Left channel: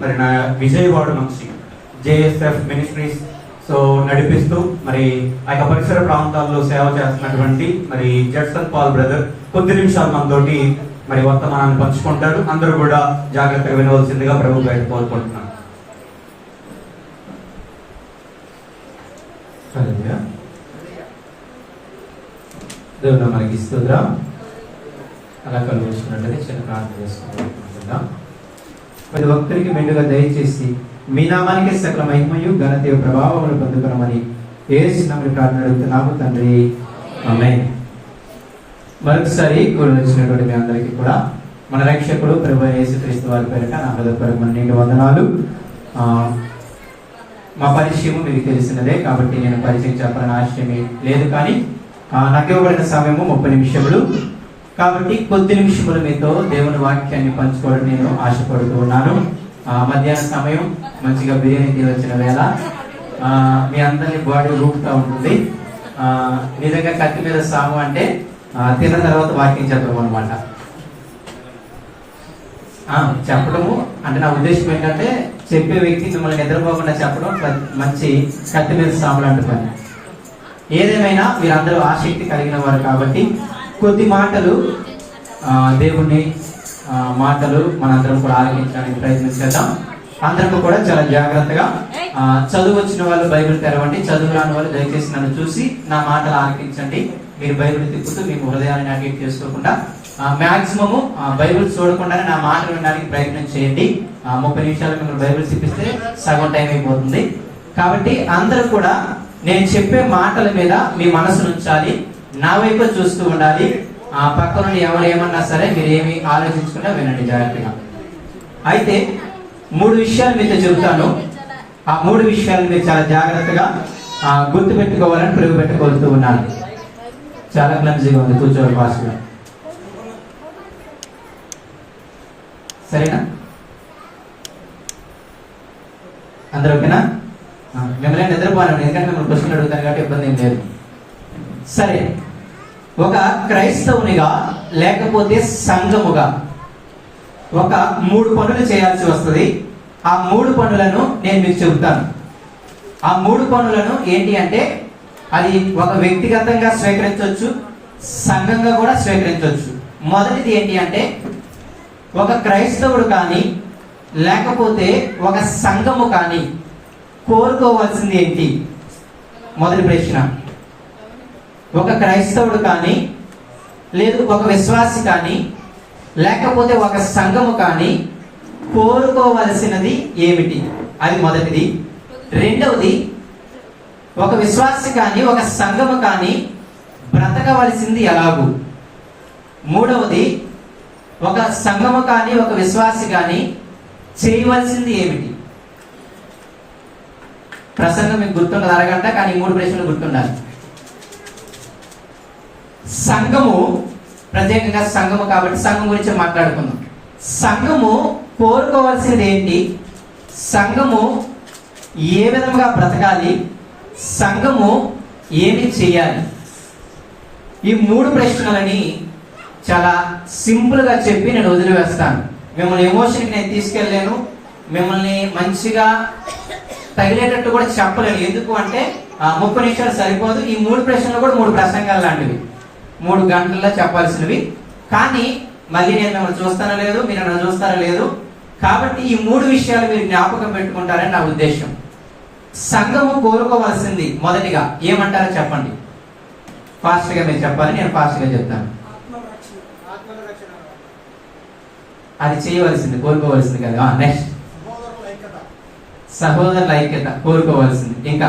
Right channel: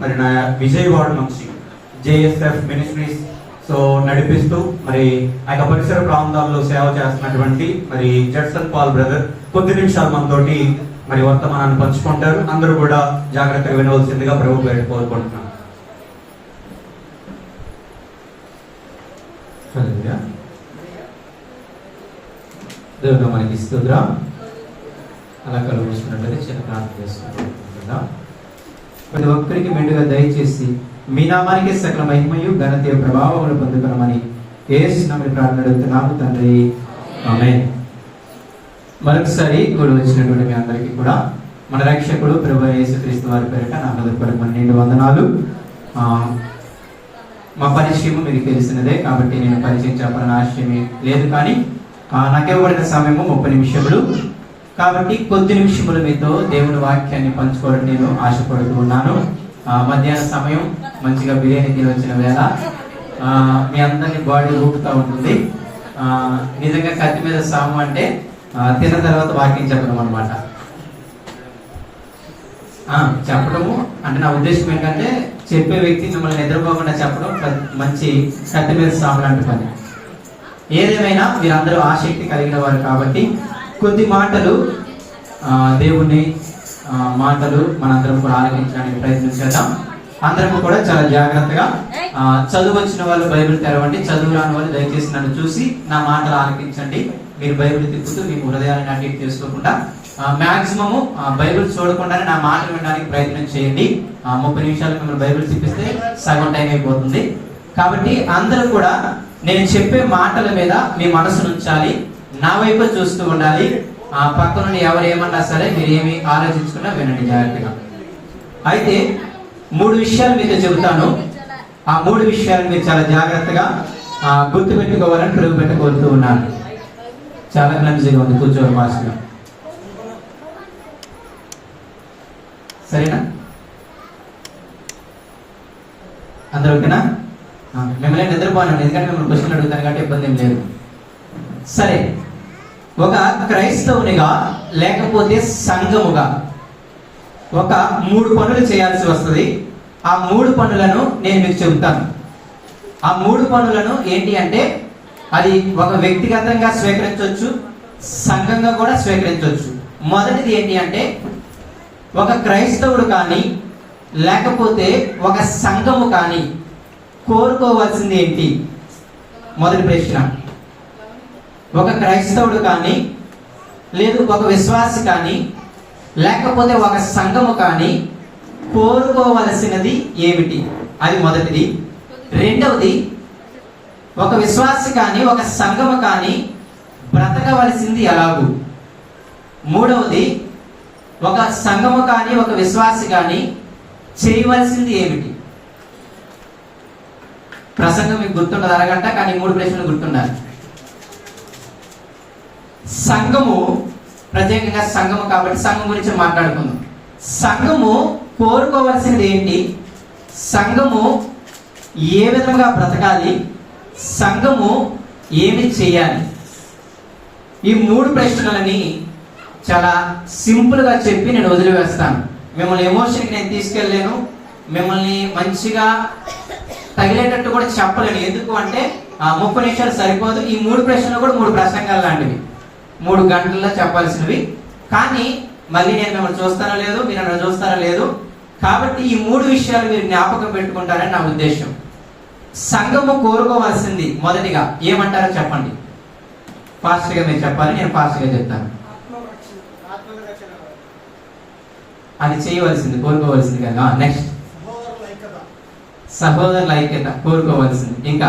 మరి నా విజయవాడ నుంచి జేఎస్ఎఫ్ మినిస్ట్రీస్ నడిపిస్తూ మరి ఆ యొక్క పరిసర ప్రాంతాల్లో సేవ చేస్తున్నటువంటి మరి జడ్సన్ పాల్ బ్రదర్ కొద్ది నిమిషాలు మనతోటి మరి వర్తమానాన్ని పంచుకుంటారు. అందరూ కూడా జాగ్రత్తగా వినవలసిందిగా ప్రభు గారిని కోరుకుంటున్నాను. దేవుడు మనకి స్తోత్రం. అలా కళ్ళు వేసుకున్నట్లయితే చిన్న ప్రార్థన చేసుకుంటున్నాం. ప్రతి ఒక్కరికి మెండుగా దయచేసి మీ నామానికి సకల మహిమయు ఘనత ప్రభావములు పొందుకున్నామని యేసు నామములో ప్రార్థన అడుగుతున్నాము తండ్రి, ఆమేన్. మరొకసారి కూడి వచ్చినటువంటి మీ అందరికీ కూడా మన రక్షకుడు ప్రభు యేసుక్రీస్తు వారి పేరిట నా హృదయపూర్వకమైన నిండు వందనాలు. మా పరిచయం మీకు తెలిసినదే కాబట్టి నేను పరిచయం చెప్పాలని ఆశయమే లేదు, కానీ నాకు ఇవ్వబడిన సమయము 30 నిమిషములు కాబట్టి కొద్ది నిమిషములు మీతో దేవుని వాక్యాన్ని పంచుకోవడం నేను ఆశపడుతూ ఉన్నాను. మధ్యాహ్న సమయం మంచిగా బిర్యానీ తిని వచ్చిన వేళ మీ అందరినీ బాడీ ఊపుతూ ఉంటుంది. నిజంగా కత్తి మీద సాము అంటే తిన్న తర్వాత వాక్యం చెప్పడం అనమాట. చెప్పడము అంటే నా ఉద్దేశం ఏంటంటే చెప్పే వ్యక్తి మిమ్మల్ని నిద్రపోకుండా చెప్పడం మంచి కత్తి మీద సాములు అంటున్నాను. ఏదేమైనా మీరందరూ ఆసక్తి కలిగిన వారు కాబట్టి కొద్ది మాటలు దేవుణ్ణి మాటలు మనందరం కూడా ఆలకించడానికి ప్రయత్నం చేద్దాం. అందరం కూడా చాలా జాగ్రత్తగా చదువు వచ్చిన వాళ్ళు బైబిల్ తెరవండి, చదువు రాని వాళ్ళు దయచేసి నన్ను చూసి నా మాటలు ఆలకించండి. మీరు బైబిల్ తిప్పుతూ మీ హృదయాన్ని అడ్డేట్ చేసుకోకుండా మాక్సిమము బైబిల్ చూడకుండానే నా మాటలు వినడానికి ప్రయత్నం చేయండి. 30 నిమిషాలు మిమ్మల్ని బైబిల్ తిప్పిస్తే సగం టైం అయిపోతుంది. కాబట్టి అందరూ కూడా నేను చెప్పే మాటల మీద మీ మనసు ఉంచాలి, నా వైపు చూస్తూ ఉండాలి. పక్క నుండి ఎవరు ఏమన్నా సరే మీరు ఏమి ఆలోచించుకున్నా వినండి జాగ్రత్తగా. అయితే 3 విషయాలు మీతో చెబుతాను. ఆ 3 విషయాలు మీరు చాలా జాగ్రత్తగా గుర్తు పెట్టుకోవాలని ప్రభు పెట్టుకోలుతూ ఉన్నాను. చాలా క్లమ్జీగా ఉంది కూర్చోవడం భాషగా, సరేనా? అందరూ ఓకేనా? మిమ్మల్ని నిద్రపోను, ఎందుకంటే మిమ్మల్ని క్వశ్చన్ అడుగుతాను కాబట్టి ఇబ్బంది ఏం లేదు. సరే, ఒక క్రైస్తవునిగా లేకపోతే సంఘముగా ఒక 3 పనులు చేయాల్సి వస్తుంది. ఆ 3 పనులను నేను మీకు చెబుతాను. ఆ 3 పనులను ఏంటి అంటే అది ఒక వ్యక్తిగతంగా స్వీకరించవచ్చు, సంఘంగా కూడా స్వీకరించవచ్చు. మొదటిది ఏంటి అంటే ఒక క్రైస్తవుడు కానీ లేకపోతే ఒక సంఘము కానీ కోరుకోవాల్సింది ఏంటి? మొదటి ప్రశ్న. ఒక క్రైస్తవుడు కానీ లేదు ఒక విశ్వాసి కానీ లేకపోతే ఒక సంఘము కానీ కోరుకోవలసినది ఏమిటి? అది మొదటిది. రెండవది, ఒక విశ్వాసి కానీ ఒక సంఘము కానీ బ్రతకవలసింది ఎలాగూ? మూడవది, ఒక సంఘము కానీ ఒక విశ్వాసి కానీ చేయవలసింది ఏమిటి? ప్రసంగం మీకు గుర్తుండదు, అరగంట, కానీ 3 ప్రశ్నలు గుర్తుండాలి. సంఘము, ప్రత్యేకంగా సంఘము కాబట్టి సంఘం గురించి మాట్లాడుకుందాం. సంఘము కోరుకోవాల్సినది ఏంటి? సంఘము ఏ విధంగా బ్రతకాలి? సంఘము ఏమి చేయాలి? ఈ 3 ప్రశ్నలని చాలా సింపుల్ గా చెప్పి నేను వదిలివేస్తాను. మిమ్మల్ని ఎమోషన్కి నేను తీసుకెళ్ళలేను, మిమ్మల్ని మంచిగా తగిలేటట్టు కూడా చెప్పలేను. ఎందుకు అంటే 30 నిమిషాలు సరిపోదు. ఈ 3 ప్రశ్నలు కూడా 3 ప్రసంగాలు లాంటివి, 3 గంటల్లో చెప్పాల్సినవి. కానీ మళ్ళీ నేను మిమ్మల్ని చూస్తానో లేదు, మీరు నన్ను చూస్తారో లేదు. కాబట్టి ఈ 3 విషయాలు మీరు జ్ఞాపకం పెట్టుకుంటారని నా ఉద్దేశం. సంఘము కోరుకోవాల్సింది మొదటిగా ఏమంటారో చెప్పండి. ఫాస్ట్ గా మీరు చెప్పాలి, నేను ఫాస్ట్ గా చెప్తాను. అది చేయవలసింది, కోరుకోవాల్సింది కదా. నెక్స్ట్, సహోదరుల ఐక్యత కోరుకోవాల్సింది. ఇంకా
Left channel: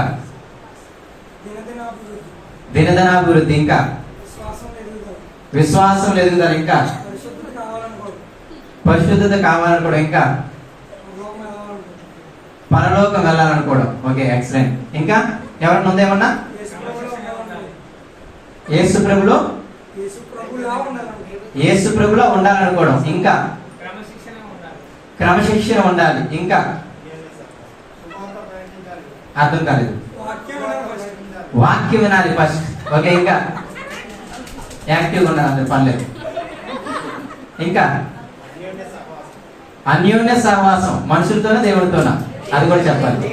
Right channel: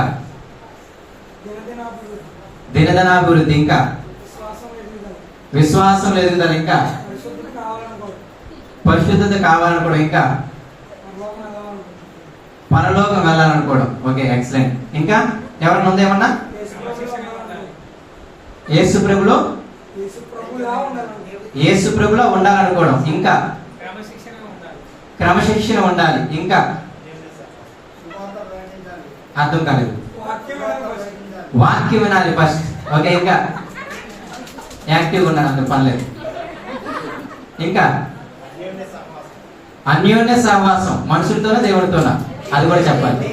దినదినాభివృద్ధి, ఇంకా విశ్వాసం ఎదుగుదల, ఇంకా పరిశుద్ధత కావాలనుకోవడం, ఇంకా పరలోకం వెళ్ళాలనుకోవడం. Okay, excellent. ఇంకా ఎవరన్నా ఉందేమన్నా? యేసు ప్రభులో ఉండాలనుకోవడం, ఇంకా క్రమశిక్షణ ఉండాలి, ఇంకా అర్థం కాలేదు, వాక్యం వినాలి ఫస్ట్. ఓకే, ఇంకా యాక్టివ్గా ఉండాలి, పర్లేదు. ఇంకా అన్యోన్య సహవాసం మనుషులతోనా దేవుడితోనా అది కూడా చెప్పాలి.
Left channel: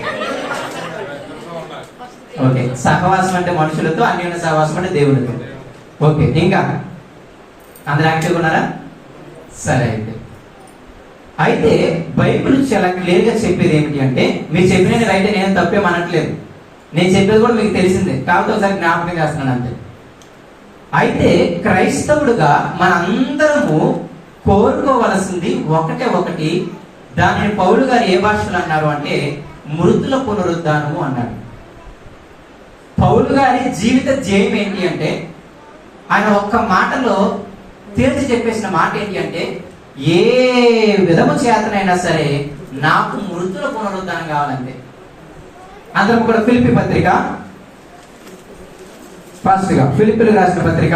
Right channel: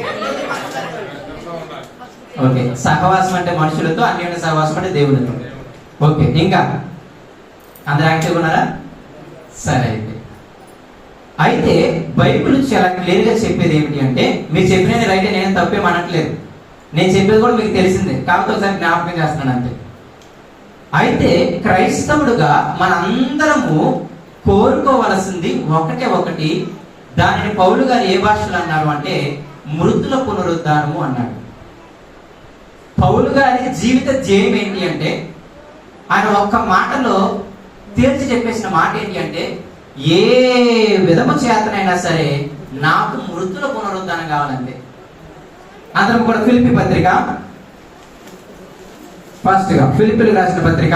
ఓకే, సహవాసం అంటే మనుషులతో, అన్యోన్య సహవాసం అంటే దేవుడితో. ఓకే, ఇంకా అందరు యాక్టివ్గా ఉన్నారా? సరే, అయితే బైబిల్ చాలా క్లియర్ గా చెప్పేది ఏమిటి అంటే, మీరు చెప్పినది రైట్, నేను తప్పేమనట్లేదు, నేను చెప్పేది కూడా మీకు తెలిసిందే, కాబట్టి ఒకసారి జ్ఞాపకం చేస్తున్నాను అంతే. అయితే క్రైస్తవుడుగా మన అందరము కోరుకోవలసింది ఒకటి, దానిని పౌలు గారు ఏ భాషలో అన్నారు అంటే మృతుల పునరుద్ధానము అన్నాడు. పౌలు గారి జీవిత ధ్యేయం ఏంటి అంటే, ఆయన ఒక్క మాటలో తేల్చి చెప్పేసిన మాట ఏంటి అంటే, ఏ విధము చేతనైనా సరే నాకు మృతుల పునరుద్ధానం కావాలంటే. అందరం కూడా ఫిలిప్పీ పత్రిక, ఫస్ట్ గా ఫిలిప్పీలకు రాసిన పత్రిక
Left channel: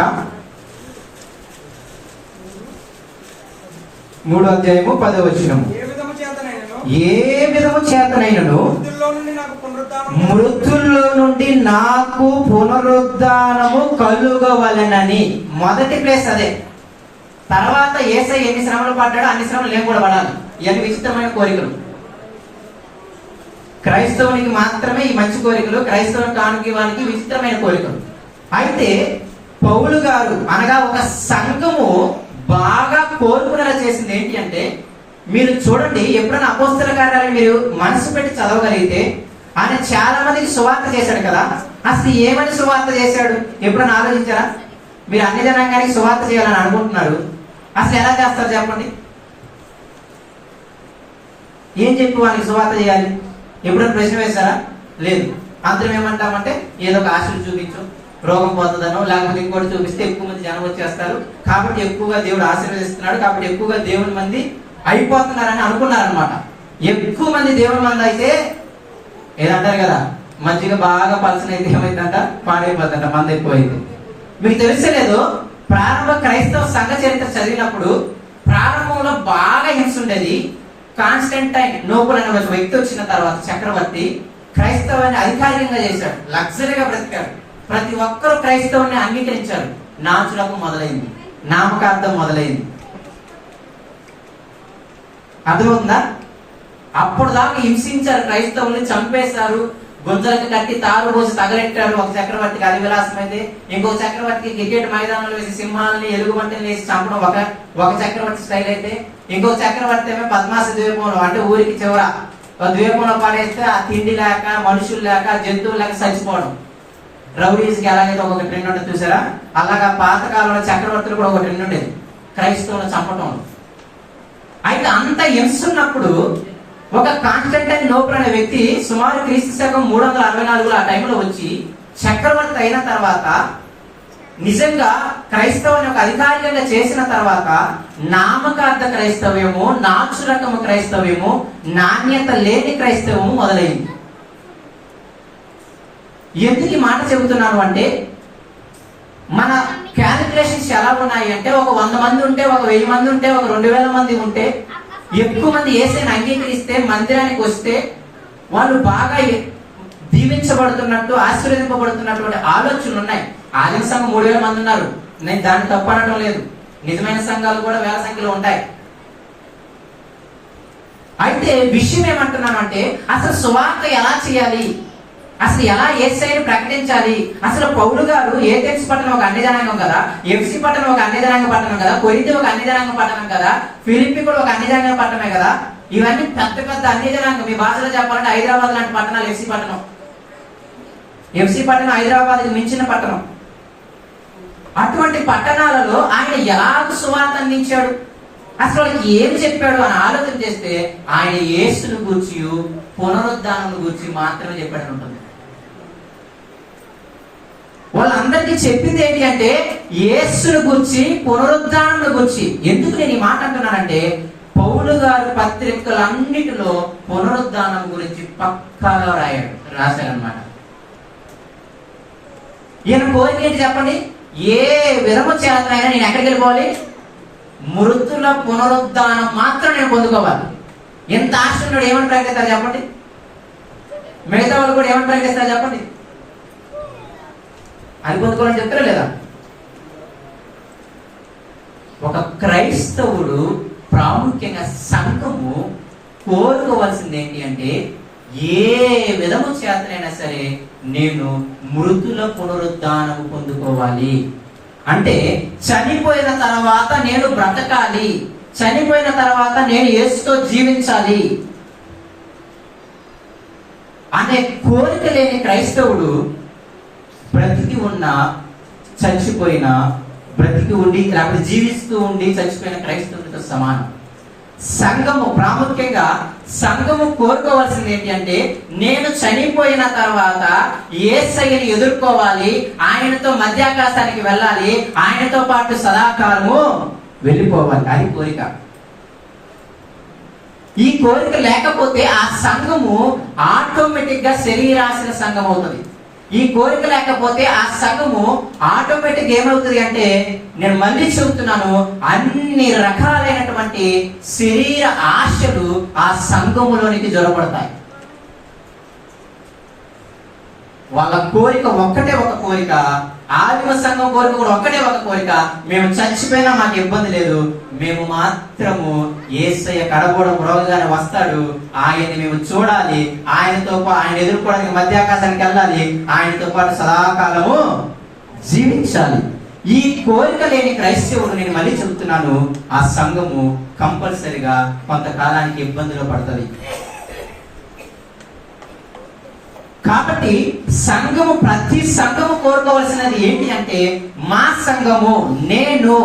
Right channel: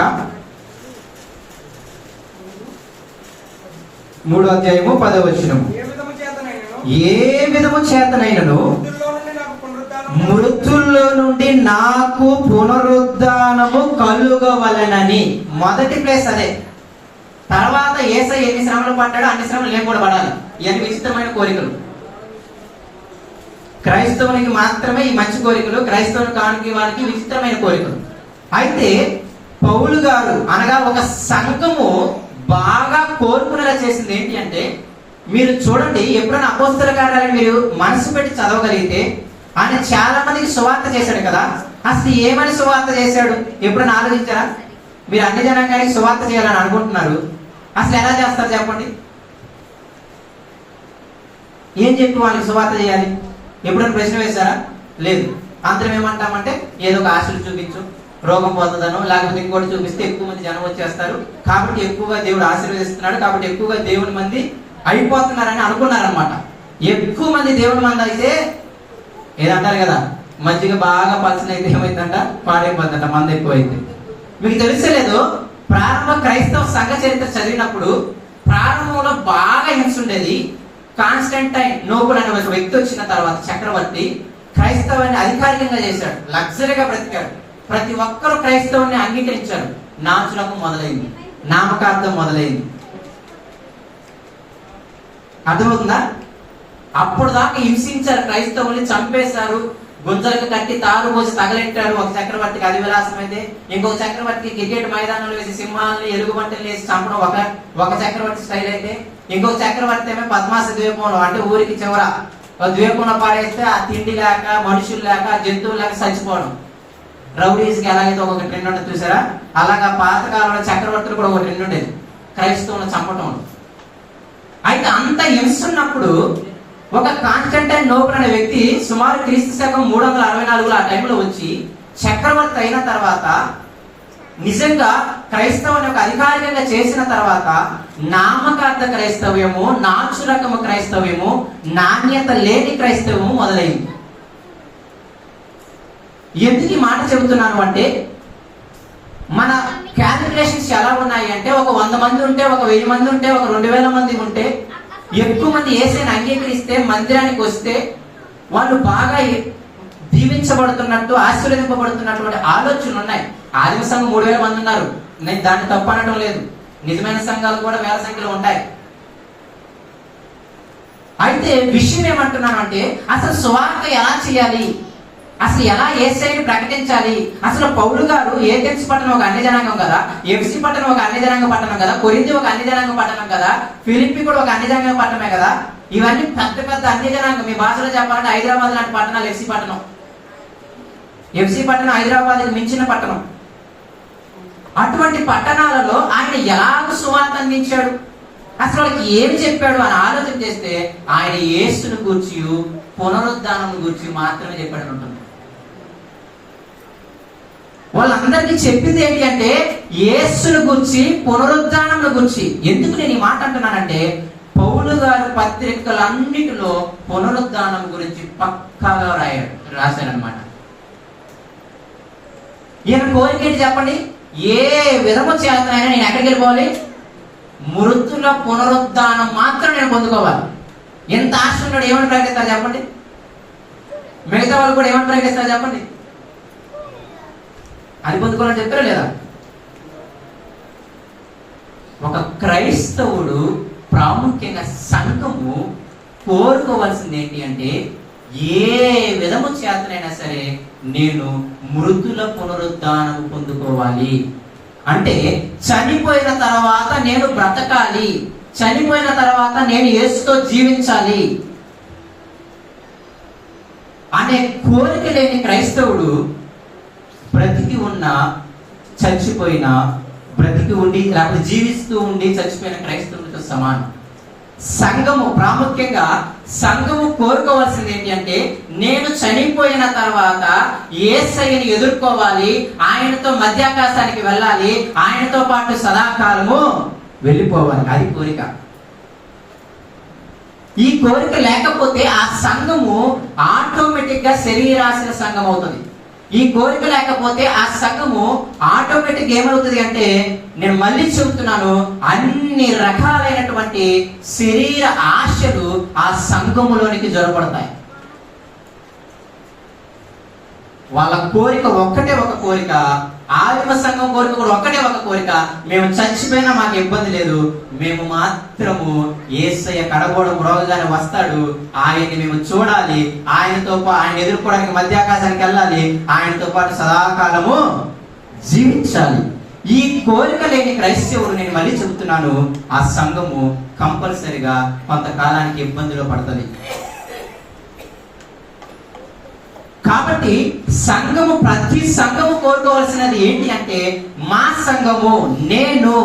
3వ అధ్యాయము 10వ వచనం. ఏ విధము చేతనైనను మృతుల్లో నుండి నాకు పునరుద్ధానము కలుగవలెనని. మొదటి ప్లేస్ అదే. తర్వాత యేసయ్య ఎన్ని శ్రమలు పడ్డాడో అన్ని శ్రమలు నేను కూడా పడాలి. ఇవన్నీ విచిత్రమైన కోరికలు. క్రైస్తవునికి మాత్రమే ఈ మంచి కోరికలు, క్రైస్తవుని కానికి వానికి విచిత్రమైన కోరికలు. అయితే పౌలు గారు అనగా ఒక సంఘము బాగా కోరుకునేలా చేసింది ఏంటి అంటే, మీరు చూడండి, ఎప్పుడైనా అపోస్తల కార్యాలను మీరు మనసు పెట్టి చదవగలిగితే, ఆయన చాలా మందికి సువార్త చేశాడు కదా. అసలు ఏమని సువార్త చేశాడు ఎప్పుడైనా ఆలోచించారా? మీరు అన్ని జనాంగానికి సువార్త చేయాలని అనుకుంటున్నారు, అసలు ఎలా చేస్తారు చెప్పండి? ఏం చెప్పి వాళ్ళకి సువార్త చేయాలి? ఎప్పుడైనా ప్రశ్న వేశారా? లేదు. అందరం ఏమంటామంటే, ఏదో ఒక ఆశలు చూపించు, రోగం పోతుందనో లేకపోతే ఇంకోటి చూపిస్తే ఎక్కువ మంది జనం వచ్చేస్తారు, కాబట్టి ఎక్కువగా దేవుడు ఆశీర్వదిస్తున్నాడు, కాబట్టి ఎక్కువగా దేవుని మంది అయిపోతున్నారని అనుకున్నారనమాట. ఎక్కువ మంది దేవుని మంది అయితే ఏదంటారు కదా, మధ్యగా బాగా పలసన అయితే ఏమైందంట, పాడైపోతుందంట మంది ఎక్కువైతే. మీకు తెలిసలేదు, ప్రారంభ క్రైస్తవ సంఘ చరిత్ర చదివినప్పుడు ప్రారంభంలో బాగా హింస ఉండేది. కాన్స్టంటైన్ నోబుల్ అనే ఒక వ్యక్తి వచ్చిన తర్వాత, చక్రవర్తి క్రైస్తవాన్ని అధికారికంగా చేశాడు, లగ్జరీగా బ్రతికాడు. ప్రతి ఒక్కరూ క్రైస్తవుని అంగీకరించారు. నాచులకు మొదలైంది, నామకార్థం మొదలైంది. అర్థమవుతుందా? అప్పుడు దాకా హింసించారు, క్రైస్తవుల్ని చంపేశారు, గుంజలకు కట్టి తారు పోసి తగలెట్టారు. ఒక చక్రవర్తికి అది విలాసం అయితే, ఇంకొక చక్రవర్తికి క్రికెట్ మైదానంలో వేసి సింహాలని ఎలుగుబంటిని వేసి చంపడం ఒక చక్రవర్తి స్టైల్ అయితే, ఇంకొక చక్రవర్తి ఏమో పద్మాస ద్వీపంలో, అంటే ఊరికి చివర ద్వీపంలో పాడేస్తే ఆ తిండి లేక, మనుషులు లేక, జంతువులు లేక చచ్చిపోవడం. రౌడీస్కి ఎలాగైతే ఒక ట్రెండ్ ఉంటుంది చూసారా, అలాగా పాతకాలంలో చక్రవర్తులు కూడా ఒక ట్రెండ్ ఉండేది, క్రైస్తవులను చంపటం. అయితే అంత హింసున్నప్పుడు ఒక కాన్స్టంటైన్ నోబుల్ అనే వ్యక్తి సుమారు క్రీస్తు శకం 364 ఆ టైంలో వచ్చి చక్రవర్తి అయిన తర్వాత, నిజంగా క్రైస్తవుని ఒక అధికారికంగా చేసిన తర్వాత, నామకార్థ క్రైస్తవ్యము, నాచు రకము క్రైస్తవ్యము, నాణ్యత లేని క్రైస్తవము మొదలైంది. ఎందుకు ఈ మాట చెబుతున్నాను అంటే, మన క్యాలిక్యులేషన్స్ ఎలా ఉన్నాయి అంటే, ఒక 100 మంది ఉంటే, ఒక 1000 మంది ఉంటే, ఒక 2000 మంది ఉంటే, ఎక్కువ మంది యేసుని అంగీకరిస్తే, మందిరానికి వస్తే వాళ్ళు బాగా దీవించబడుతున్నట్టు, ఆశీర్వదింపబడుతున్నటువంటి ఆలోచనలు ఉన్నాయి. ఆదిమ సంఘం 3000 మంది ఉన్నారు, నేను దాన్ని తప్పు అనడం లేదు. నిజమైన సంఘాలు కూడా వేల సంఖ్యలో ఉంటాయి. అయితే విషయం ఏమంటున్నాను అంటే, అసలు సువార్త ఎలా చేయాలి, అసలు ఎలా యేసయ్యని ప్రకటించాలి? అసలు పౌలు గారు ఏథెన్స్ పట్టణం ఒక అన్ని జనాంగం కదా, ఎఫ్సి పట్టణం ఒక అన్ని జనాంగ పట్టణం కదా, కొరింథీ ఒక అన్ని జనాంగ పట్టణం కదా, ఫిలిప్పీ కూడా ఒక అన్ని జనాంగ పట్టణమే కదా. ఇవన్నీ పెద్ద పెద్ద అన్ని జనాంగం. మీ భాషలో చెప్పాలంటే హైదరాబాద్ లాంటి పట్టణాలు ఎఫ్సి పట్టణం. ఎఫ్సి పట్టణం హైదరాబాద్కి మించిన పట్టణం. అటువంటి పట్టణాలలో ఆయన ఎలాగ సువార్త అందించాడు, అసలు వాళ్ళకి ఏం చెప్పాడు అని ఆలోచన చేస్తే, ఆయన యేసును గూర్చి, పునరుద్ధానం గురించి మాత్రమే చెప్పాడు ఉంటుంది. వాళ్ళందరికీ చెప్పింది ఏంటి అంటే, యేసును గురించి, పునరుద్ధానం గురించి. ఎందుకు నేను ఈ మాట అంటున్నానంటే, పౌలు గారు పత్రికలన్నిటిలో పునరుద్ధానం గురించి పక్కాగా రాశారనమాట. ఈయన కోరిక ఏంటి చెప్పండి? ఏ విధము చేతనైనా నేను ఎక్కడికి వెళ్ళిపోవాలి? మృతుల పునరుద్ధానం మాత్రం నేను పొందుకోవాలి. ఎంత ఆశ ఉన్నాడు, ఏమని ప్రకటిస్తారు చెప్పండి? మిగతా వాళ్ళు కూడా ఏమని ప్రకటిస్తారు చెప్పండి? అది పొందుకోవాలని చెప్తారా లేదా? ఒక క్రైస్తవుడు ప్రాముఖ్యంగా సంఘము కోరుకోవాల్సింది ఏంటి అంటే, ఏ విధము చేతనైనా సరే నేను మృతుల పునరుద్ధానము పొందుకోవాలి. అంటే చనిపోయిన తర్వాత నేను బ్రతకాలి, చనిపోయిన తర్వాత నేను యేసుతో జీవించాలి అనే కోరిక లేని క్రైస్తవుడు బ్రతికి ఉన్న, చచ్చిపోయిన, బ్రతికి ఉండి లేకపోతే జీవిస్తూ ఉండి చచ్చిపోయిన క్రైస్తవుడితో సమానం. సంఘము ప్రాముఖ్యంగా సంఘము కోరుకోవాల్సింది ఏంటి అంటే, నేను చనిపోయిన తర్వాత యేసయ్యని ఎదుర్కోవాలి, ఆయనతో మధ్యాకాశానికి వెళ్ళాలి, ఆయనతో పాటు సదాకాలము వెళ్ళిపోవాలి. అది కోరిక. ఈ కోరిక లేకపోతే ఆ సంఘము ఆటోమేటిక్ గా శరీరాశల సంఘం అవుతుంది. ఈ కోరిక లేకపోతే ఆ సంఘము ఆటోమేటిక్ ఏమవుతుంది అంటే, నేను మళ్ళీ చెబుతున్నాను, అన్ని రకాలైనటువంటి శరీర ఆశలు ఆ సంఘములోనికి జొరబడతాయి. వాళ్ళ కోరిక ఒక్కటే ఒక కోరిక, ఆదిమ సంఘం కోరిక కూడా ఒక్కటే ఒక కోరిక, మేము చచ్చిపోయినా మాకు ఇబ్బంది లేదు, మేము మాత్రము యేసయ్య కడగోడం రోజుగానే వస్తాడు, ఆయన్ని మేము చూడాలి, ఆయనతో ఆయన ఎదుర్కోవడానికి మధ్యాకాశానికి వెళ్ళాలి, ఆయనతో పాటు సదాకాలము జీవించాలి. ఈ కోరిక లేని క్రైస్తవుడు, నేను మళ్ళీ చెబుతున్నాను, ఆ సంఘము కంపల్సరిగా కొంతకాలానికి ఇబ్బందులు పడుతుంది. కాబట్టి సంఘము, ప్రతి సంఘము కోరుకోవాల్సినది ఏంటి అంటే, మా సంఘము నేను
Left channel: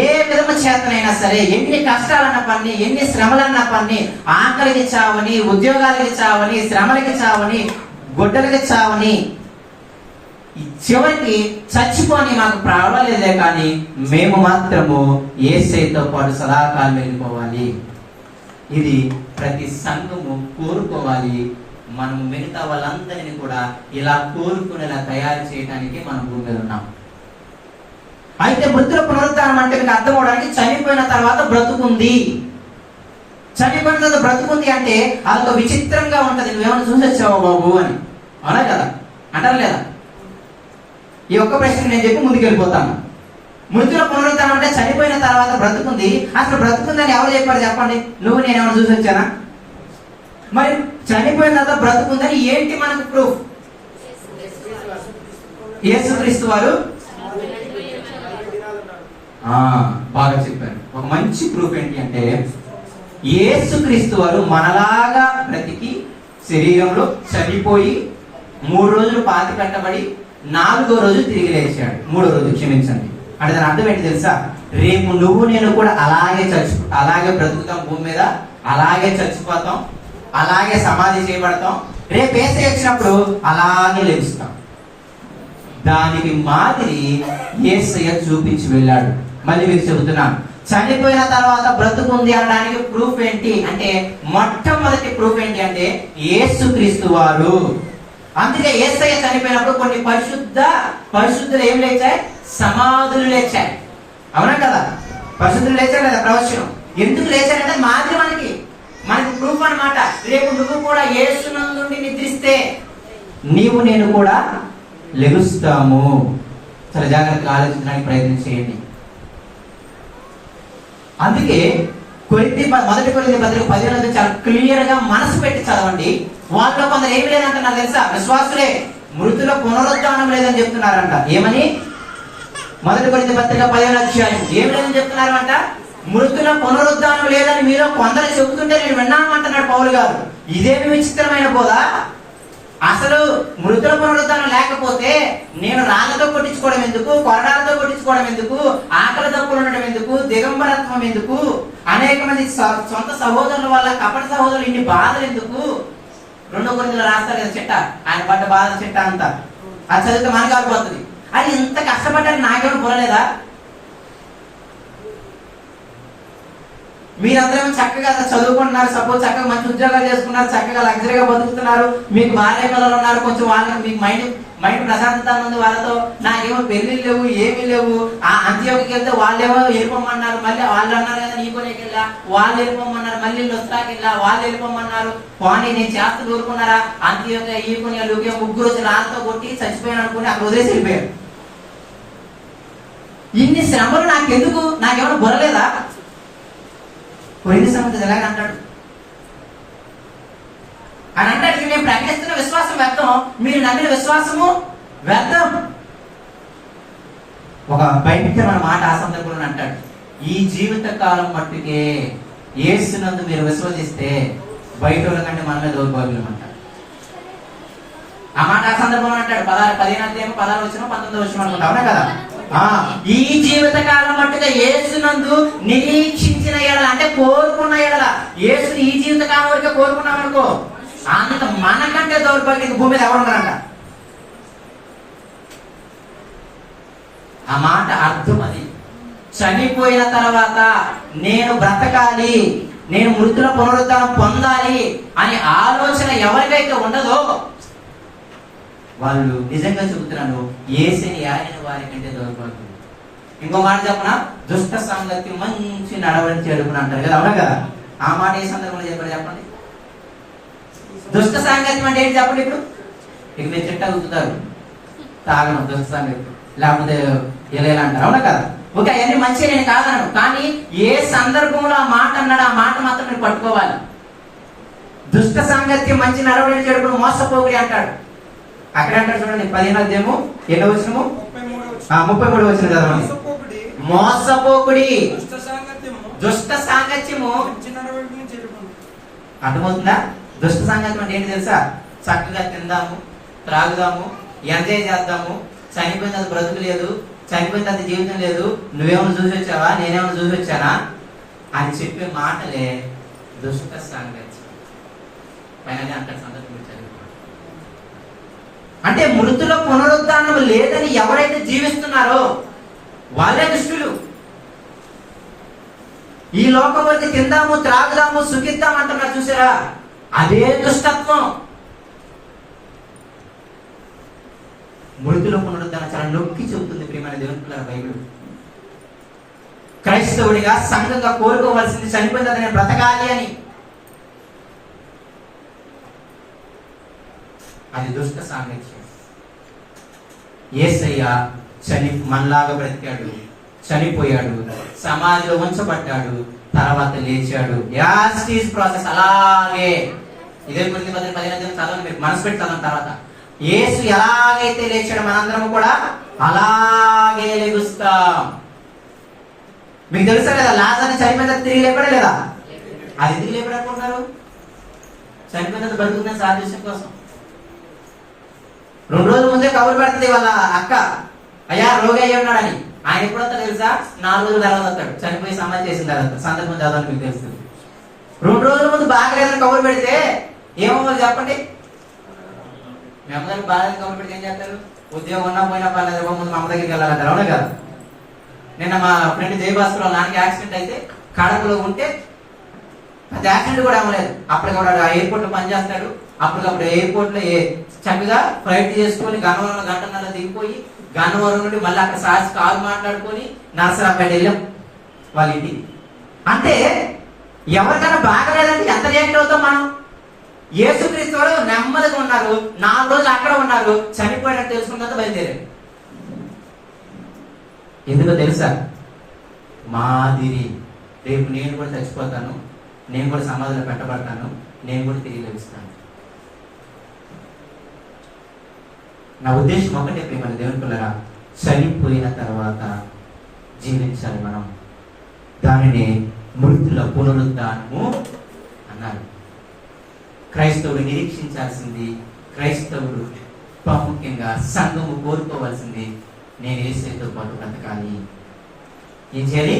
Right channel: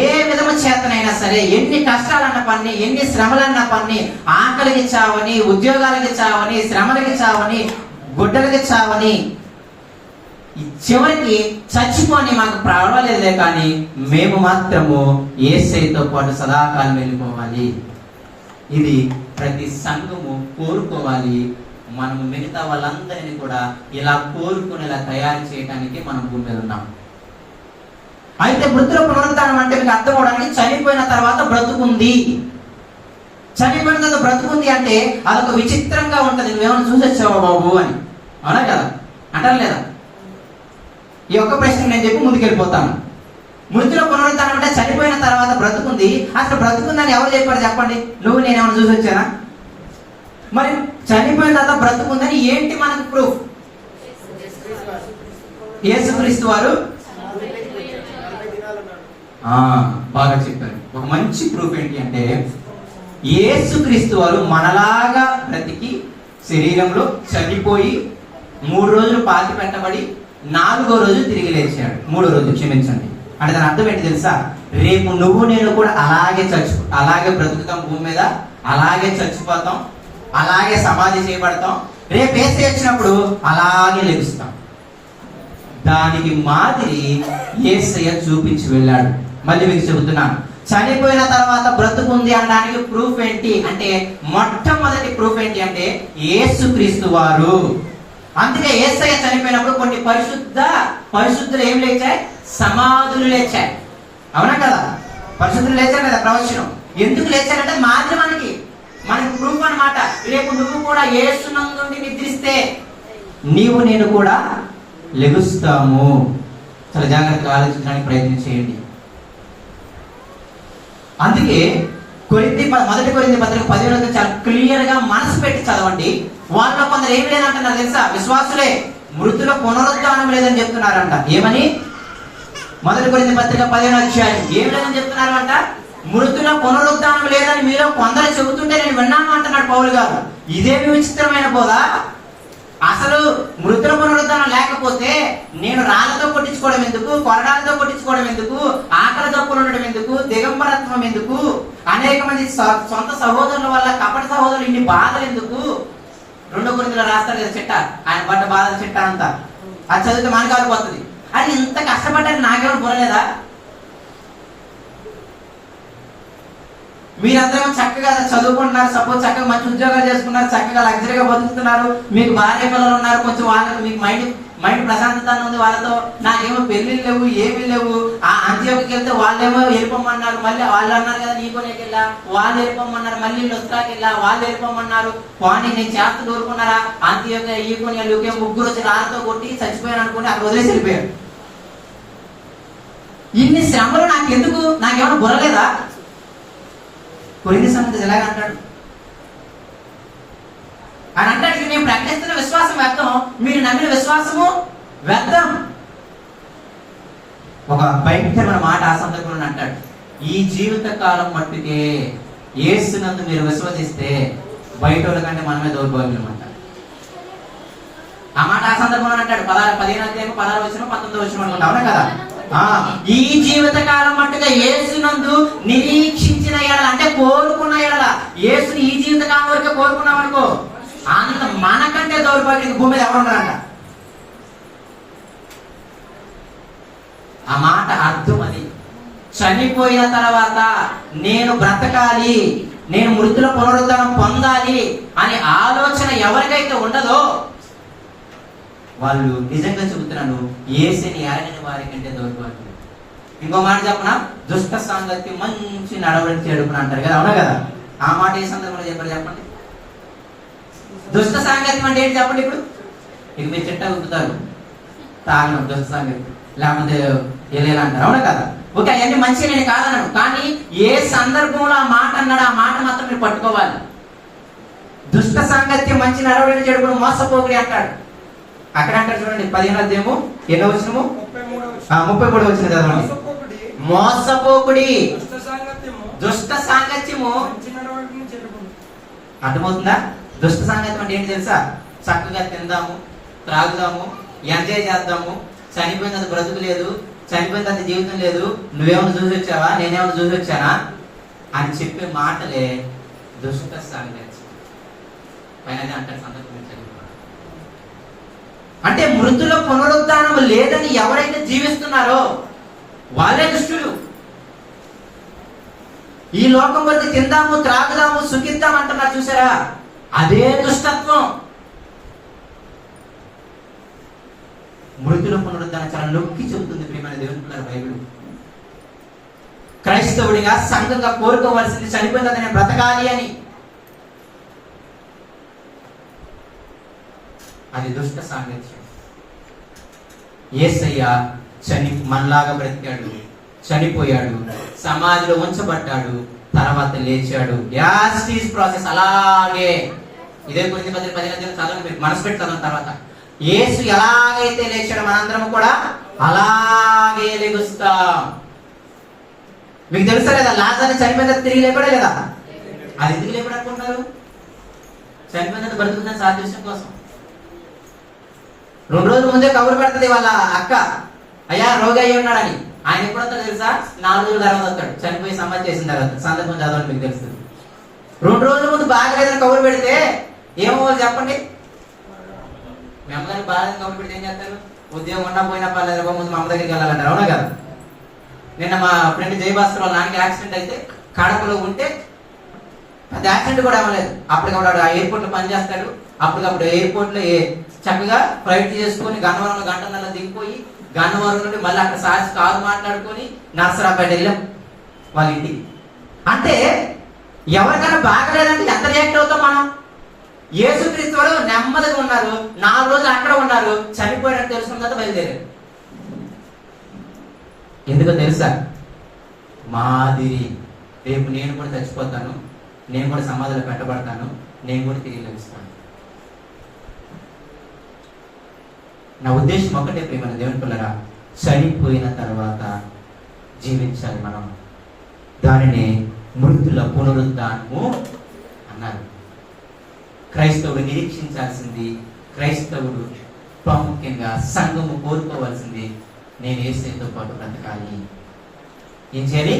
ఏ విధము చేతనైనా సరే, ఎన్ని కష్టాలన్న పని, ఎన్ని శ్రమలన్న పని, ఆకలికి చావని, ఉద్యోగాలకి చావని, శ్రమలకి చావని, గుడ్డలకి చావని, చివరికి చచ్చిపోని మాకు పర్వాలేదే, కానీ మేము మాత్రము యేసయ్యతో పాటు సదాకాలం వెళ్ళిపోవాలి. ఇది ప్రతి సంఘము కోరుకోవాలి. మనం మిగతా వాళ్ళందరినీ కూడా ఇలా కోరుకునేలా తయారు చేయడానికి మనం భూమి మీద ఉన్నాం. అయితే మృతుల పునరుద్ధానం అంటే మీకు అర్థం అవడానికి, చనిపోయిన తర్వాత బ్రతుకుంది, చనిపోయిన తర్వాత బ్రతుకుంది అంటే అదొక విచిత్రంగా ఉంటది. నువ్వేమన్నా చూసొచ్చావా బాబు అని, అవునా కదా, అంటారు లేదా? ఈ ఒక్క ప్రశ్న నేను చెప్పి ముందుకెళ్ళిపోతాను. మృతుల పునరుద్ధానం అంటే చనిపోయిన తర్వాత బ్రతుకుంది. అసలు బ్రతుకుందని ఎవరు చెప్పారు చెప్పండి? నువ్వు నేనేమన్నా చూసి వచ్చానా? మరి చనిపోయిన తర్వాత బ్రతుకుందని ఏంటి మనకు ప్రూఫ్? యేసుక్రీస్తు వారు బాగా చెప్పారు. ఒక మంచి ప్రూఫ్ ఏంటి అంటే, యేసుక్రీస్తు వారు మనలాగా బ్రతికి శరీరంలో చనిపోయి 3 రోజులు పాతి పెట్టబడి 4వ రోజు తిరిగి లేచాడు. 3వ రోజు, క్షమించండి. అంటే దాని అర్థం ఏంటి తెలుసా? రేపు నువ్వు నేను కూడా అలాగే బ్రతుకుతాం భూమి మీద, అలాగే చచ్చిపోతాం, అలాగే సమాధి చేయబడతాం, రేపు యేసయ్య వచ్చినప్పుడు అలాగే లెగుస్తాం. దానికి మాదిరి యేసయ్య చూపించి వెళ్ళాడు. మళ్ళీ మీకు చెబుతున్నాను, చనిపోయిన తర్వాత బ్రతుకుంది అనడానికి ప్రూఫ్ ఏంటి అంటే, మొట్టమొదటి ప్రూఫ్ ఏంటి అంటే యేసుక్రీస్తు వారు. అందుకే యేసయ్య చనిపోయినప్పుడు కొన్ని పరిశుద్ధులు ఏం లేచాయి? సమాధులు లేచాయి. అవునా కదా? పరిశుద్ధులు లేచారు కదా ప్రవచనం. ఎందుకు లేచారంటే మాదిరి మనకి ప్రూఫ్ అన్నమాట. రేపు నువ్వు కూడా యేసునందు నిద్రిస్తే నీవు నేను కూడా లెగుస్తాము. చాలా జాగ్రత్తగా ఆలోచించడానికి ప్రయత్నం చేయండి. అందుకే మొదటి కొరింథీ పత్రిక 10 చాలా క్లియర్ గా మనసు పెట్టి చదవండి. వాళ్ళలో కొందరు ఏమి లేదంటున్నారు తెలుసా? విశ్వాసులే మృతుల పునరుద్ధానం లేదని చెప్తున్నారంట. ఏమని? మొదటి కొరింథీ పత్రిక 15 ఏమి లేదని చెప్తున్నారంట? మృతుల పునరుద్ధానం లేదని మీలో కొందరు చెబుతుంటే నేను విన్నాను అంటున్నాడు పౌలు గారు. ఇదేమి విచిత్రమైన పోదా? అసలు మృతుల పునరుద్ధానం లేకపోతే నేను రాళ్ళతో కొట్టించుకోవడం ఎందుకు, కొరడాలతో కొట్టించుకోవడం ఎందుకు, ఆకలి దప్పులు ఉండడం ఎందుకు, దిగంబరత్వం ఎందుకు, అనేక మంది సొంత సహోదరుల వల్ల కపట సహోదరులు ఇన్ని బాధలు ఎందుకు? 2 కొరింథీలో రాస్తారు కదా చిట్ట, ఆయన పడ్డ బాధల చిట్ట అంతా. అది చదివితే మనకు ఆగిపోతుంది. అది ఇంత కష్టపడ్డారు, నాకేమో బుర్రలేదా? మీరందరూ చక్కగా చదువుకుంటున్నారు, సపోజ్ చక్కగా మంచి ఉద్యోగాలు చేసుకున్నారు, చక్కగా లగ్జరీగా బతుకుతున్నారు, మీకు భార్య పిల్లలు ఉన్నారు, కొంచెం వాళ్ళకి మీకు మైండ్ ప్రశాంతత ఉంది వాళ్ళతో. నాకేమో పెళ్లిళ్ళు లేవు, ఏమీ లేవు. ఆ అంత్యోకి వెళ్తే వాళ్ళేమో వెళ్ళిపోమన్నారు, మళ్ళీ వాళ్ళు అన్నారు కదా నీకోనేకి వెళ్ళా, వాళ్ళు వెళ్ళిపోమన్నారు, మళ్ళీ లొస్తాకి వెళ్ళా, వాళ్ళు వెళ్ళిపోమన్నారు. కానీ నేను చేస్తూ ఊరుకున్నారా? అంత్యోకి ఈకొని లూకే 3 వచ్చి రాళ్ళతో కొట్టి చచ్చిపోయాను అనుకుని అక్కడ వదిలేసి వెళ్ళిపోయారు. ఇన్ని శ్రమలు నాకెందుకు? నాకేమైనా బుర్రలేదా? పోయిన సంగతి ఎలాగ అంటాడు అని అంటాడు. మేము ప్రకటిస్తున్న విశ్వాసం వ్యర్థం, మీరు నమ్మిన విశ్వాసము వ్యర్థం. ఒక భయంకరమైన మాట ఆ సందర్భంలో అంటాడు, ఈ జీవిత కాలం మట్టుకే యేసునందు మీరు విశ్వసిస్తే బయట వాళ్ళ కంటే మనమే దౌర్భాగ్యం అంటాడు. ఆ మాట ఆ సందర్భంలో అంటాడు. 15 అనుకుంటా, అవునా కదా? ఈ జీవిత కాలం మట్టుగా యేసునందు నిరీక్షించిన ఎడల, అంటే కోరుకున్న ఎడల, యేసుని ఈ జీవిత కాలం వరకు కోరుకున్నాం అనుకో, అంత మనకంటే దౌర్భాగ్యం భూమి మీద ఎవరున్నారంట. ఆ మాట అర్థం అది. చనిపోయిన తర్వాత నేను బ్రతకాలి, నేను మృతుల పునరుద్ధరణ పొందాలి అనే ఆలోచన ఎవరికైతే ఉండదో వాళ్ళు నిజంగా చెబుతున్నాను, యేసుని ఆయన వారి కంటే దౌర్భాగ్యం. ఇంకో మాట చెప్పనా, దుష్ట సంగతి మంచి నడవడి చేడుకుని అంటారు కదా, అవునా కదా? ఆ మాట ఏ సందర్భంలో చెప్పారు చెప్పండి. దుష్ట సాంగత్యం అంటే ఏంటి చెప్పండి. ఇప్పుడు ఇక మీరు చెట్ట ఉతుతారు, తాగను దుష్ట సాంగత్యం, లేకపోతే ఎలా అంటారు, అవునా కదా? ఓకే, అవన్నీ మంచిగా నేను కాదన్నాను, కానీ ఏ సందర్భంలో ఆ మాట అన్నాడు ఆ మాట మాత్రం మీరు పట్టుకోవాలి. దుష్ట సాంగత్యం మంచి నడవడి చెడుకుని మోసపోగి అంటాడు. అక్కడ అంటారు చూడండి, 15వ అధ్యాయము 33వ వచనం చదవండి. మోసపోకుడి, దుష్ట సాంగత్యము అర్థమవుతుందా? దుష్ట సాంగత్యం అంటే ఏంటి తెలుసా? చక్కగా తిందాము, త్రాగుదాము, ఎంజాయ్ చేద్దాము, చనిపోయిన తర్వాత బ్రతుకు లేదు, చనిపోయిన తర్వాత జీవితం లేదు, నువ్వేమైనా చూసి వచ్చావా, నేనేమైనా చూసి వచ్చానా అని చెప్పే మాటలే దుష్ట సాంగత్యం. పైన అంటాడు సందర్భం. అంటే మృతుల పునరుద్ధానం లేదని ఎవరైతే జీవిస్తున్నారో వాళ్ళే దుష్టులు. ఈ లోకం వరకు తిందాము, త్రాగుదాము, సుఖిద్దాం అంటున్నారు చూసారా, అదే దుష్టత్వం. మృతుల పునరుద్ధానం చాలా నొక్కి చెబుతుంది ప్రియమైన దేవుని పిల్లల బైబిల్. క్రైస్తవుడిగా సంఘంగా కోరుకోవాల్సింది చనిపోయిన నేను బ్రతకాలి అని. అది దుష్ట సాంగత్యం. యేసయ్య మనలాగా బ్రతికాడు, చనిపోయాడు, సమాధిలో ఉంచబడ్డాడు, తర్వాత లేచాడు. యాస్టీస్ ప్రాసెస్ అలాగే. ఇదే గురించి 15 చదవండి, మనసు పెట్టి చదవడం. తర్వాత యేసు ఎలాగైతే లేచాడు మనందరం కూడా అలాగే లెగుస్తాం. మీకు తెలుసా లేదా, లాజర్ని చనిపోయిన తిరిగి లేపడా లేదా? అది తిరిగి లేపడనుకుంటున్నారు, చనిపోయిన బ్రతుకున్న సాదృశ్యం కోసం. 2 రోజుల ముందే కబురు పెడుతుంది వాళ్ళ అక్క, అయ్యా రోగి అయ్యి ఉన్నాడని. ఆయన ఎప్పుడంతా తెలుసా? 4 రోజుల తర్వాత వస్తాడు, చనిపోయి సమాధి చేసిన తర్వాత. సందర్భం చదవని మీకు తెలుస్తుంది. 2 రోజుల ముందు బాగలేదని కబురు పెడితే ఏమవ్వాలి చెప్పండి? మీ అమ్మగారికి బాగాలేదని కబురు పెడితే ఏం చేస్తారు? ఉద్యోగం ఉన్నా పోయినా పర్లేదు, ముందు మా అమ్మ దగ్గరికి వెళ్ళాలంటారు, అవునా కదా? నిన్న మా ఫ్రెండ్ జయభాస్కర్ వాళ్ళ నాన్నకి యాక్సిడెంట్ అయితే కడపలో ఉంటే అది యాక్సిడెంట్ కూడా అవ్వలేదు. అప్పటికప్పుడు ఎయిర్పోర్ట్ లో పనిచేస్తాడు. అప్పటికప్పుడు ఎయిర్పోర్ట్ లో చక్కగా ఫ్లైట్ చేసుకొని గన్నవరంలో గంటన్నర దిగిపోయి గన్నవరం నుండి మళ్ళీ అక్కడ సార్స్ కాల్ మాట్లాడుకొని నర్సరాపేట వెళ్ళాం వాళ్ళ ఇంటికి. అంటే ఎవరికైనా బాగలేదంటే ఎంత రియాక్ట్ అవుతాం మనం? యేసుక్రీస్తు వారు నెమ్మదిగా ఉన్నారు, 4 రోజులు అక్కడ ఉన్నారు, చనిపోయినట్టు తెలుసుకున్న తర్వాత బయలుదేరారు. ఎందుకో తెలుసా? మాదిరి రేపు నేను కూడా చచ్చిపోతాను, నేను కూడా సమాధిలో పెట్టబడతాను, నేను కూడా తిరిగి లభిస్తాను. నా ఉద్దేశం ఒకటే ప్రియమైన దేవుని పిల్లరా, చనిపోయిన తర్వాత జీవించాలి మనం. దానిని మృతుల పునరుద్ధానము అన్నారు. క్రైస్తవుడు నిరీక్షించాల్సింది, క్రైస్తవుడు ప్రాముఖ్యంగా సంఘము కోరుకోవాల్సింది, నేను యేసుతో పాటు బ్రతకాలి. ఏం చేయాలి?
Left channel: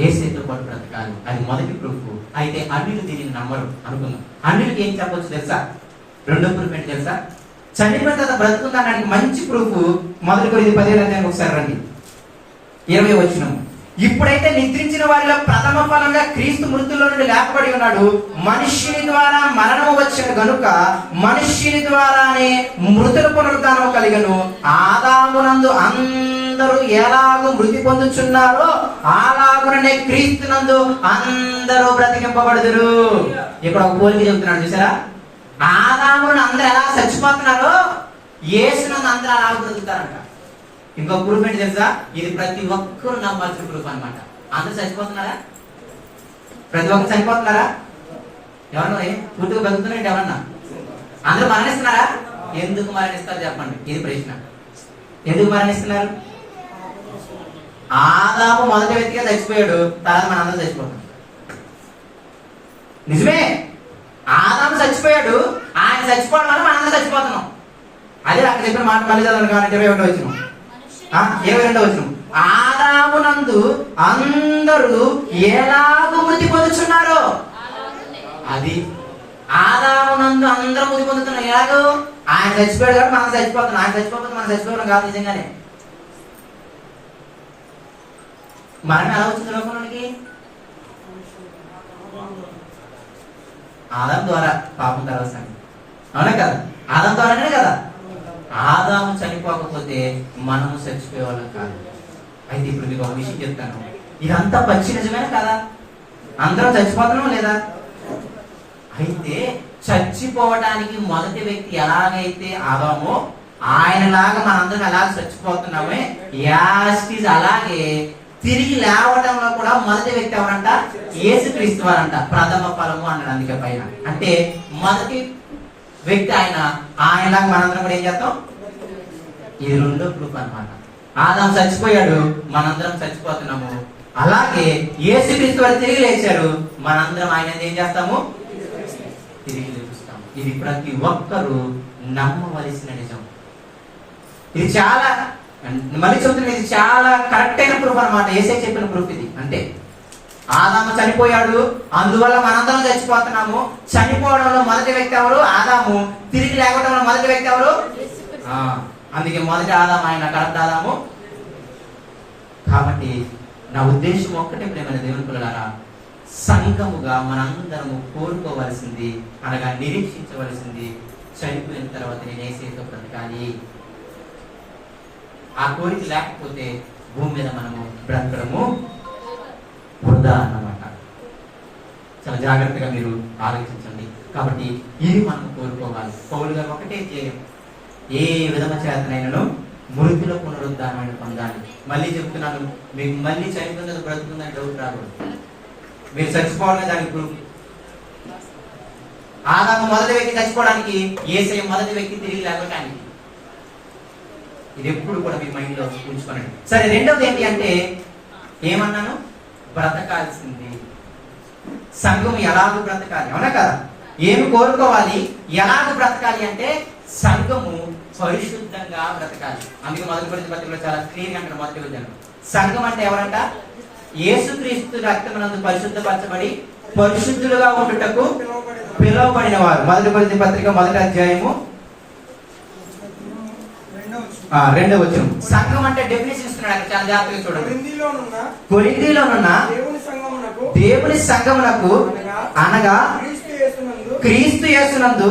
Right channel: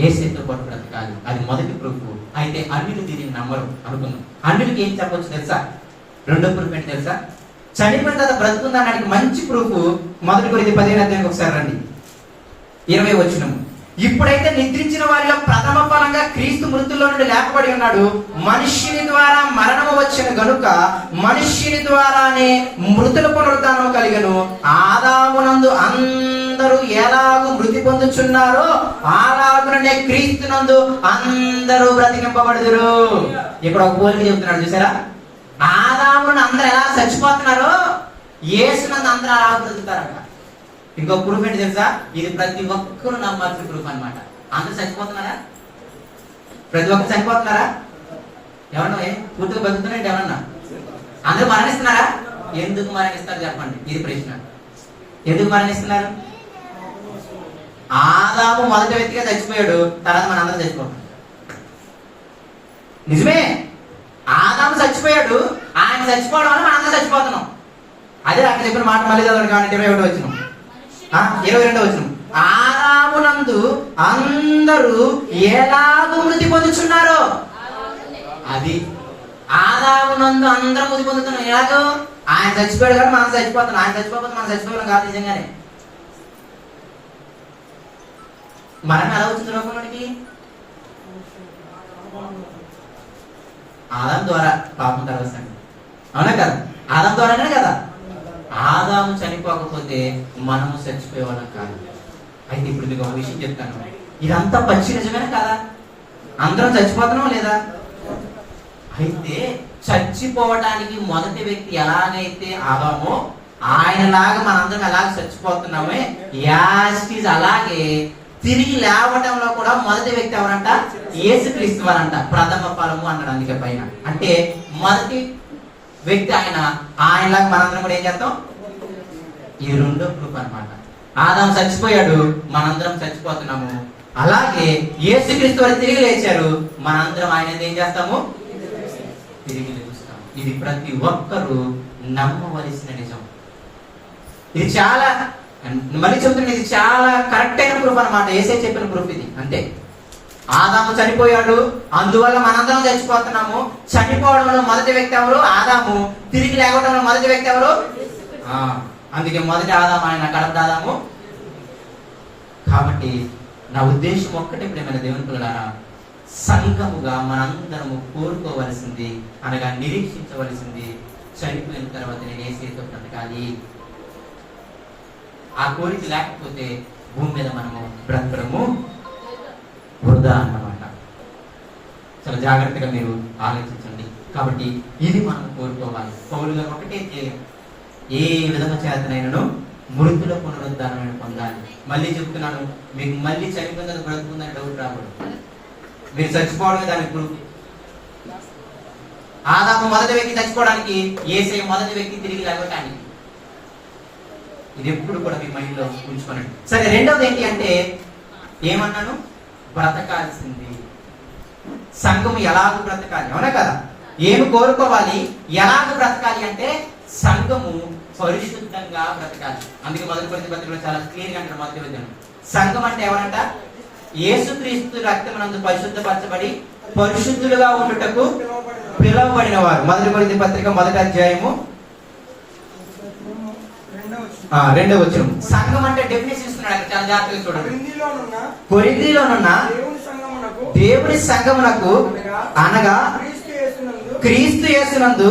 యేసుతో పాటు బ్రతకాలి. అది మొదటి ప్రూఫ్. అయితే అన్యులు దీనిని నమ్మరు అనుకున్నాం. అన్యులకి ఏం చెప్పొచ్చు తెలుసా? రెండో ప్రూఫ్ ఏంటి తెలుసా? చనిపోయిన తర్వాత బ్రతుకుందానికి మంచి ప్రూఫ్ 1 కొరింథీ 15వ అధ్యాయానికి ఒకసారి రండి, 20వ వచనం. ఇప్పుడైతే నిద్రించిన వారిలో ప్రథమ ఫలంగా క్రీస్తు మృతుల్లో నుండి లేపబడి ఉన్నాడు. మనుష్యుని ద్వారా మరణము వచ్చిన గనుక మనుష్యుని ద్వారానే మృతుల పునరుద్ధానము కలిగను. ఆదామునందు అందరూ ఎలాగూ మృతి పొందుచున్నారో అలాగుననే క్రీస్తునందు అందరూ బ్రతికింపబడుదురు. ఇక్కడ ఒక పోలిక చెబుతున్నాడు చూసారా? ఆదామును అందరూ ఎలా చచ్చిపోతున్నారో యేసునందు అందరూ అలా బ్రతుకుతారట. ఇంకో ప్రూఫ్ ఏంటి తెలుసా? ఇది ప్రతి ఒక్కరు నమ్మాల్సిన ప్రూఫ్ అన్నమాట. అందరూ చచ్చిపోతున్నారా? ప్రతి ఒక్కరు చనిపోతున్నారా? ఎవరన్నా పూర్తిగా బతుకుతున్నారండి? ఎవరన్నా అందరూ మరణిస్తున్నారా? ఎందుకు మరణిస్తారు చెప్పండి, ఇది ప్రశ్న. ఎందుకు మరణిస్తున్నారు? ఆదాము మొదటి వ్యక్తిగా చచ్చిపోయాడు, తర్వాత మనందరం చచ్చిపోతాం. నిజమే, ఆదాము చచ్చిపోయాడు, ఆయన చచ్చిపోవడం వల్ల మనందరం చచ్చిపోతున్నాం. అదే అక్కడ చెప్పిన మాట మళ్ళీ చదవండి కాబట్టి 21 వచ్చిన 22 వచ్చిన ఆదామునందు అందరూ ఎలాగూ మృతి పొందుచున్నారో, అది ఆదామునందు అందరూ మృతి పొందుతున్నాం. ఎలాగో ఆయన చచ్చిపోయాడు కాబట్టి మనం చచ్చిపోతున్నాం. ఆయన చచ్చిపోతే మనం చచ్చిపోవడం కాదు నిజంగానే. మరణం ఎలా వచ్చింది లోకంలోనికి? ఆదాం ద్వారా పాపం కలవసండి, అవునా కదా? ఆదాం ద్వారానే కదా. ఆదాము చనిపోకపోతే మనము చచ్చిపోయేవాళ్ళం కాదు. అయితే ఇప్పుడు మీకు ఒక విషయం చెప్తాను, ఇదంతా పచ్చి నిజమేనా కదా? అందరం చచ్చిపోతున్నాం లేదా? అయితే చచ్చిపోవడానికి మొదటి వ్యక్తి ఎలాగైతే ఆదామో ఆయనలాగా మనందరం ఎలాగ చచ్చిపోతున్నామే, యాస్టీజ్ అలాగే తిరిగి లేవటంలో కూడా మొదటి వ్యక్తి ఎవరంట? యేసుక్రీస్తు వారంట. ప్రథమ ఫలము అన్నాడు అందుకే పైన. అంటే మొదటి వ్యక్తి ఆయనలాగా మనందరం కూడా ఏం చేస్తాం? ఇది రెండో ప్రూఫ్ అన్నమాట. ఆదాం చచ్చిపోయాడు, మనందరం చచ్చిపోతున్నాము. అలాగే యేసుక్రీస్తు వారు తిరిగి లేచారు, మనందరం ఆయన ఏం చేస్తాము? తిరిగి లేస్తాము. ఇది ప్రతి ఒక్కరూ నమ్మవలసిన నిజం. ఇది చాలా, మళ్ళీ చెబుతున్నా, ఇది చాలా కరెక్ట్ అయిన ప్రూఫ్ అన్నమాట. యేసే చెప్పిన ప్రూఫ్ ఇది. అంటే ఆదాము చనిపోయాడు, అందువల్ల మనందరం చచ్చిపోతున్నాము. చనిపోవడంలో మొదటి వ్యక్తి ఎవరు? ఆదాము. తిరిగి లేకపోవడంలో మొదటి వ్యక్తి ఎవరు? అందుకే మొదటి ఆదాము, ఆయన కడప ఆదాము. కాబట్టి నా ఉద్దేశం ఒక్కటే, ప్రేమైన దేవుని పిల్లలారా, సంఘముగా మనందరము కోరుకోవలసింది అనగా నిరీక్షించవలసింది, చనిపోయిన తర్వాత నేను యేసుతో బ్రతకాలి. ఆ కోరిక లేకపోతే భూమి మీద మనము బ్రతకడము వృధా అన్నమాట. చాలా జాగ్రత్తగా మీరు ఆలోచించండి. కాబట్టి ఇది మనం కోరుకోవాలి. పౌలు గారు ఒకటే చేయలేదు, ఏ విధంగా చేతనైనను మృతిలో పునరుద్ధారమైన పొందాలి. మళ్ళీ చెప్తున్నాను, మీకు మళ్ళీ చనిపోయిందని బ్రతుకుందని డౌట్ రాకూడదు. మీరు చచ్చిపోవడమే దానికి ప్రూఫ్. ఆదాము మొదటి వ్యక్తి చచ్చిపోవడానికి, యేసయ్య మొదటి వ్యక్తి తిరిగి లేవటానికి. ఇది ఎప్పుడు కూడా మీ మైండ్ లో ఉంచుకోనండి. సరే, రెండవది ఏంటి అంటే, ఏమన్నాను? బ్రతకాల్సింది. సంఘం ఎలాగూ బ్రతకాలి, అవునా కదా? ఏమి కోరుకోవాలి, ఎలాగూ బ్రతకాలి అంటే సంఘము పరిశుద్ధంగా బ్రతకాలి. అందుకే మొదటి కొరింథీ పత్రికలో చాలా క్లియర్ గా అంటారు. మొదటి వచనం, సంఘం అంటే ఎవరంట? యేసుక్రీస్తు రక్తమునందు పరిశుద్ధపరచబడి పరిశుద్ధులుగా ఉండుటకు పిలువబడిన వారు. మొదటి కొరింథీ పత్రిక 1వ అధ్యాయము 2వ వచనం. సంఘం అంటే డెఫినేషన్ ఇస్తున్నాడు, చాలా జాగ్రత్తగా చూడండి. కొరింథీలోనున్న దేవుని సంఘమునకు అనగా క్రీస్తు యేసునందు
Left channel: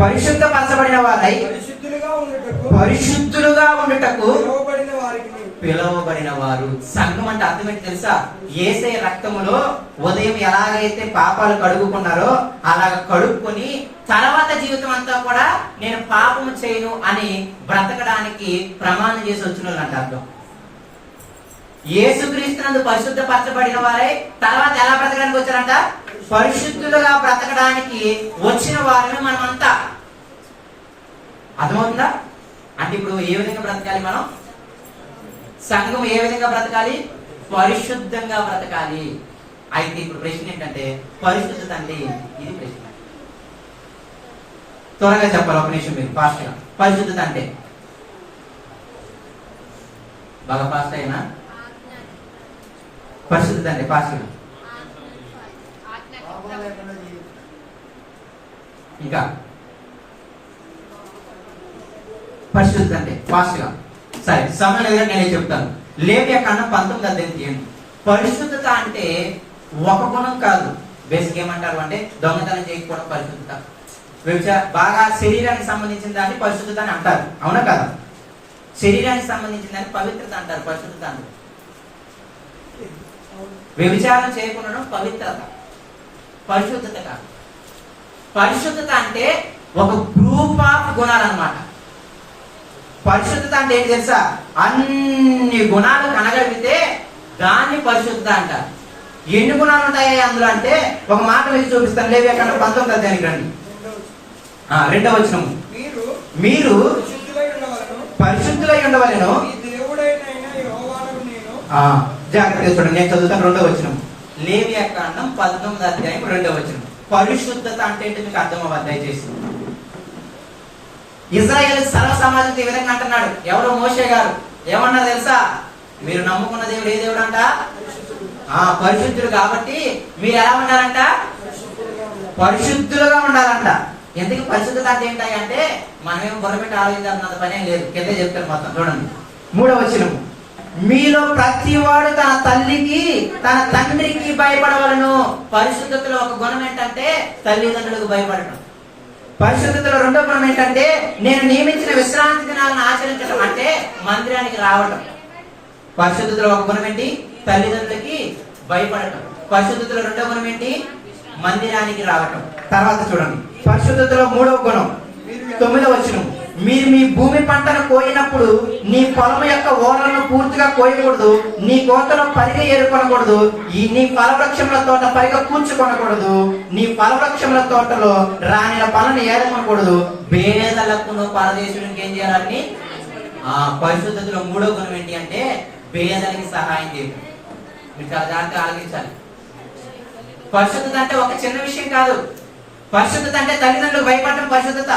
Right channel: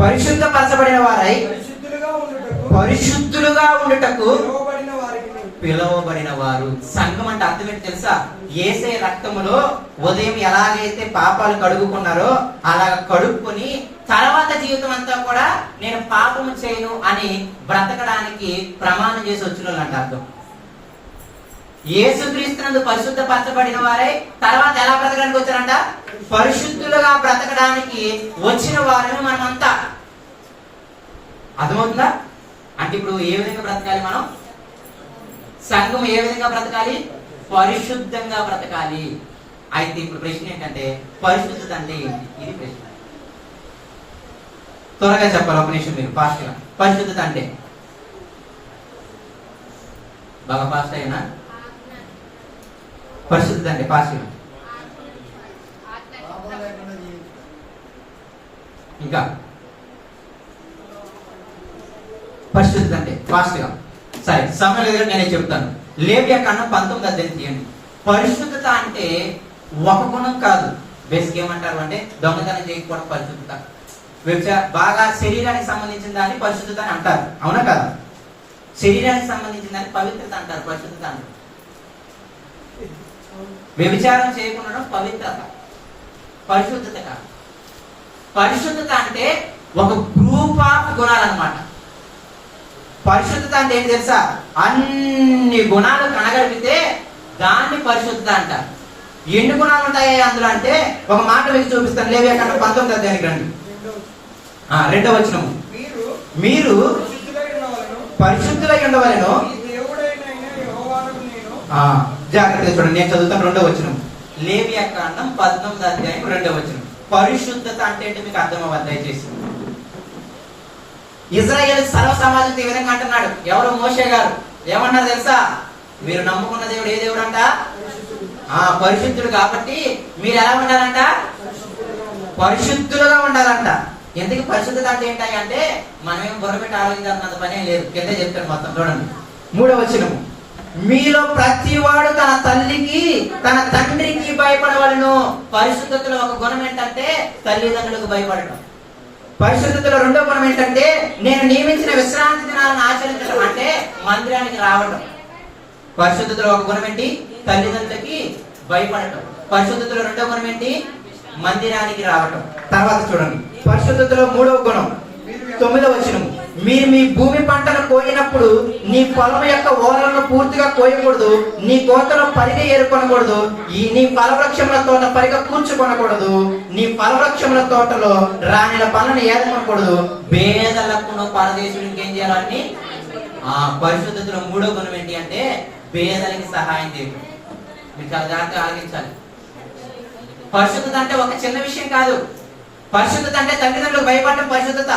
పరిశుద్ధపరచబడిన వారై పరిశుద్ధులుగా ఉండుటకు పిలువబడిన వారు. సంఘం అంటే అర్థం ఏంటి తెలుసా? యేసయ్య రక్తములో ఉదయం ఎలాగైతే పాపాలు కడుగుకున్నారో అలా కడుక్కొని తర్వాత జీవితం అంతా కూడా నేను పాపము చేయను అని బ్రతకడానికి ప్రమాణం చేసి వచ్చిన వాళ్ళు అంట అర్థం. యేసుక్రీస్తునందు పరిశుద్ధపరచబడిన వారే తర్వాత ఎలా బ్రతకడానికి వచ్చారంట? పరిశుద్ధులుగా బ్రతకడానికి వచ్చిన వారిని మనమంతా. అర్థమవుతుందా? అంటే ఇప్పుడు ఏ విధంగా బ్రతకాలి మనం? సంఘం ఏ విధంగా బ్రతకాలి? పరిశుద్ధంగా బ్రతకాలి. అయితే ఇప్పుడు ప్రశ్న ఏంటంటే, పరిశుద్ధత అంటే ఇది ప్రశ్న. త్వరగా చెప్పాలి, ఒక నిమిషం మీరు ఫాస్ట్ గా. పరిశుద్ధత అంటే బాగా ఫాస్ట్ అయినా, పరిశుద్ధత అంటే ఫాస్ట్ గా ఇంకా పరిశుద్ధత అంటే ఫాస్ట్ గా. సరే, సమయం లేదు, నేనే చెప్తాను. లేవియా కాండం 19వ అధ్యాయం తీయండి. పరిశుద్ధత అంటే ఒక గుణం కాదు. బేసిక్ ఏమంటారు అంటే దొంగతనం చేయకపోవడం పరిశుద్ధత. బాగా శరీరానికి సంబంధించిన దాన్ని పరిశుద్ధత అని అంటారు, అవునా కాదు? శరీరానికి సంబంధించిన దాన్ని పవిత్రత అంటారు, పరిశుద్ధత అంటారు. వ్యభిచారం చేయకుండా పవిత్రత, పరిశుద్ధత కాదు. పరిశుద్ధత అంటే ఒక గ్రూప్ ఆఫ్ గుణాలన్నమాట. పరిశుద్ధత అంటే ఏంటి తెలుసా? అన్ని గుణాలు కనగలిగితే దాన్ని పరిశుద్ధత అంటారు. ఎన్ని గుణాలు ఉంటాయి అందులో అంటే ఒక మాట మీకు చూపిస్తాను. లేవియాకాండం 19వ అధ్యాయానికి రండి. 2వ వచనం, మీరు పరిశుద్ధులై ఉండవలెను. జాగ్రత్తగా చూడండి, నేను చదువుతాను. 2వ వచనం, లేవియాకాండం 19వ అధ్యాయం 2వ వచనం. పరిశుద్ధత అంటే ఏంటి మీకు అర్థం అవ్వదు దయచేసి. ఇజ్రాయేల్ సర్వ సమాజం ఈ విధంగా అంటున్నాడు. ఎవరు? మోషే గారు. ఏమన్నారు తెలుసా? మీరు నమ్ముకున్న దేవుడు ఏ దేవుడు అంట? పరిశుద్ధుడు. కాబట్టి మీరు ఎలా ఉండాలంట? పరిశుద్ధులుగా ఉండాలంట. ఎందుకు పరిశుద్ధత అంటే ఏంటి అంటే మనమేం బొరపెట్టి ఆలోచించాల్సినంత పనేం లేదు. కింద చెప్తారు మొత్తం చూడండి. 3వ వచనం, మీలో ప్రతివాడు తన తల్లికి తన తండ్రికి భయపడవలను. పరిశుద్ధతలో ఒక గుణం ఏంటంటే తల్లిదండ్రులకు భయపడటం. పరిశుద్ధతలో 2వ గుణం ఏంటంటే నేను నియమించిన విశ్రాంతి దినాలను ఆచరించడం, అంటే మందిరానికి రావడం. పరిశుద్ధతలో ఒక గుణం ఏంటి? తల్లిదండ్రులకి భయపడటం. పరిశుద్ధతలో 2వ గుణం ఏంటి? మందిరానికి రావటం. తర్వాత చూడండి, పరిశుద్ధతలో 3వ గుణం 9వ వచనం, మీరు మీ భూమి పంటను కోయినప్పుడు నీ పొలం యొక్క ఓనలను పూర్తిగా కోయకూడదు, నీ కోతను పరిగె ఏరుకొనకూడదు, నీ ఫలవృక్షముల తోట పరిగె కూర్చుకొనకూడదు, నీ ఫలవృక్షముల తోటలో రాణిల పనులను ఏరుకొనకూడదు, పేదలకు పరదేశునికి ఏం చేయాలని. పరిశుద్ధతలో 3వ గుణం ఏంటి అంటే పేదలకి సహాయం చేయడం. మీరు చాలా జాగ్రత్తగా ఆలోచించాలి. పరిశుద్ధత అంటే ఒక చిన్న విషయం కాదు. పరిశుద్ధత అంటే తల్లిదండ్రులకు భయపడటం పరిశుద్ధత.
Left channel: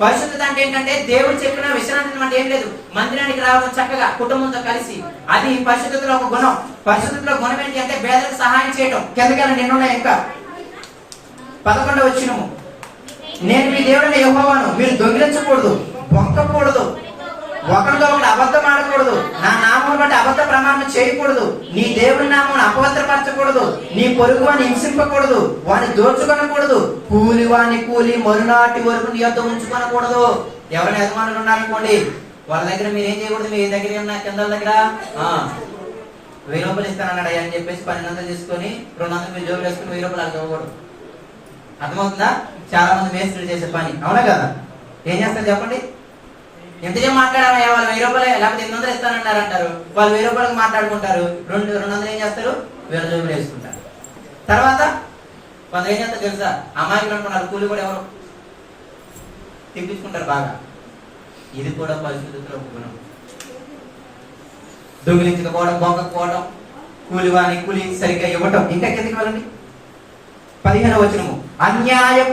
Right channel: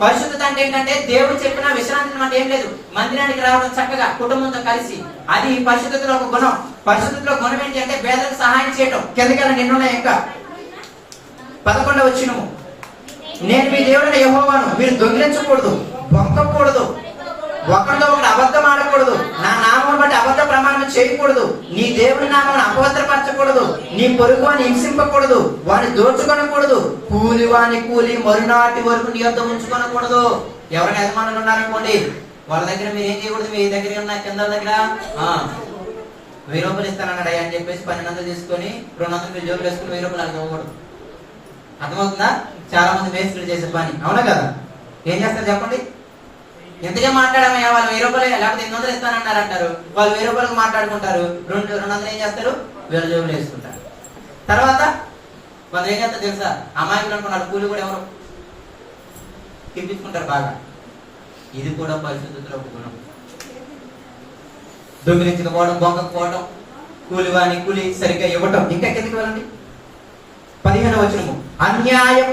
పరిశుద్ధత అంటే ఏంటంటే దేవుడు చెప్పిన విశ్రాంతి అంటే ఏం లేదు, మందిరానికి రావడం చక్కగా కుటుంబంతో కలిసి, అది పరిశుద్ధతలో ఒక గుణం. పరిశుద్ధతలో గుణం ఏంటి అంటే పేదలకు సహాయం చేయటం. కిందకెళ్ళి నిన్నున్నాయి ఇంకా 11వ వచనము, నేను మీ దేవుడైన యెహోవాను, మీరు దొంగిలించకూడదు, బొక్కకూడదు, ఒకరితో ఒకటి అబద్ధం ఆడకూడదు, నా నామం బట్టి అబద్ధ ప్రమాణం చేయకూడదు, నీ దేవుని నామం అపవిత్రపరచకూడదు, నీ పొరుగు వాని హింసింపకూడదు, వాని దోచుకొనకూడదు, కూలి వాని కూలి మరునాటి వరకు నీ వద్ద ఉంచుకొనకూడదు. ఎవరైనా యజమానులు ఉన్నారనుకోండి, వాళ్ళ దగ్గర మీరు ఏం చేయకూడదు, మీ దగ్గర ఉన్న కింద దగ్గర 1000 రూపాయలు ఇస్తానన్నాడు అని చెప్పేసి 1200 తీసుకొని 200 మీరు జోబులు వేసుకుని 1000 రూపాయలు అలా ఇవ్వకూడదు. అర్థమవుతుందా? చాలా మంది మేస్త్రీలు చేసే పని, అవునా కదా? ఏం చేస్తారు చెప్పండి? ఎంతకే మాట్లాడమయ్యా, వాళ్ళు 1000 రూపాయలు లేకపోతే 800 ఇస్తానన్నారు అంటారు. వాళ్ళు 1000 రూపాయలకు మాట్లాడుకుంటారు, 200 ఏం చేస్తారు, వీళ్ళ జోబులు వేసుకుంటారు. తర్వాత కొందరు ఏం చేస్తారు తెలుసా, అమాయకులు అనుకున్నారు, కూలి కూడా ఎవరు తిప్పించుకుంటారు బాగా. ఇది కూడా పరిశుద్ధతలో ఒక గుణం. దొంగిలించకపోవడం, బొంకపోవడం, కూలివాని కూలి సరిగ్గా ఇవ్వటం. ఇంకా కిందకి వెళ్ళండి, 15వ వచనము, అన్యాయం.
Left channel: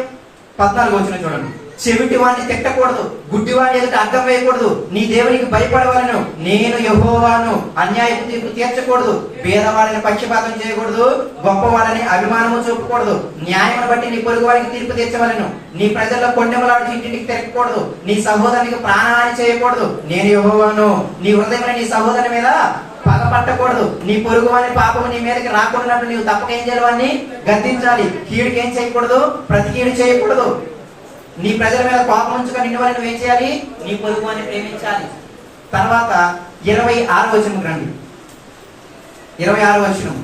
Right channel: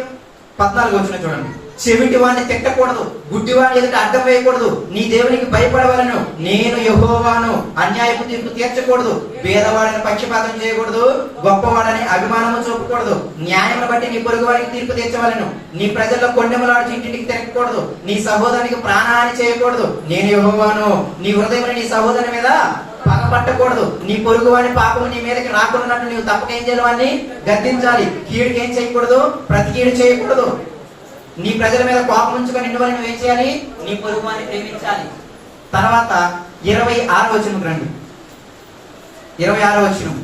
14వ వచనం చూడండి, చెవిటి వాడిని తిట్టకూడదు, గుడ్డివాడిని ఎదుట అర్థం వేయకూడదు, నీ దేవునికి భయపడవలను, నేను యెహోవాను, అన్యాయపు తీర్పు తీర్చకూడదు, పేదవాడిని పక్షపాతం చేయకూడదు, గొప్పవాడని అభిమానము చూపకూడదు, న్యాయమును బట్టి నీ పొరుగు వారికి తీర్పు తీర్చవలను, నీ ప్రజల్లో కొండెములాడి ఇంటికి తిరగకూడదు, నీ సహోదరునికి ప్రాణహాని చేయకూడదు, నేను యెహోవాను. నీ హృదయంలో నీ సహోదరుని మీద పగపట్టకూడదు, నీ పొరుగు వాడిని పాపము నీ మీదకి రాకున్నట్టు నీవు తప్పక ఏం చేయాలి, వాడిని గద్దించాలి, కీడుకి ఏం చేయకూడదు, ప్రతి కీడు చేయకూడదు, నీ ప్రజల మీద కోపం ఉంచుకొని నిన్నువని నువ్వేం చేయాలి, నీ పొరుగు వారిని ప్రేమించాలి. తర్వాత 26వ వచనం రండి, 26వ వచనం,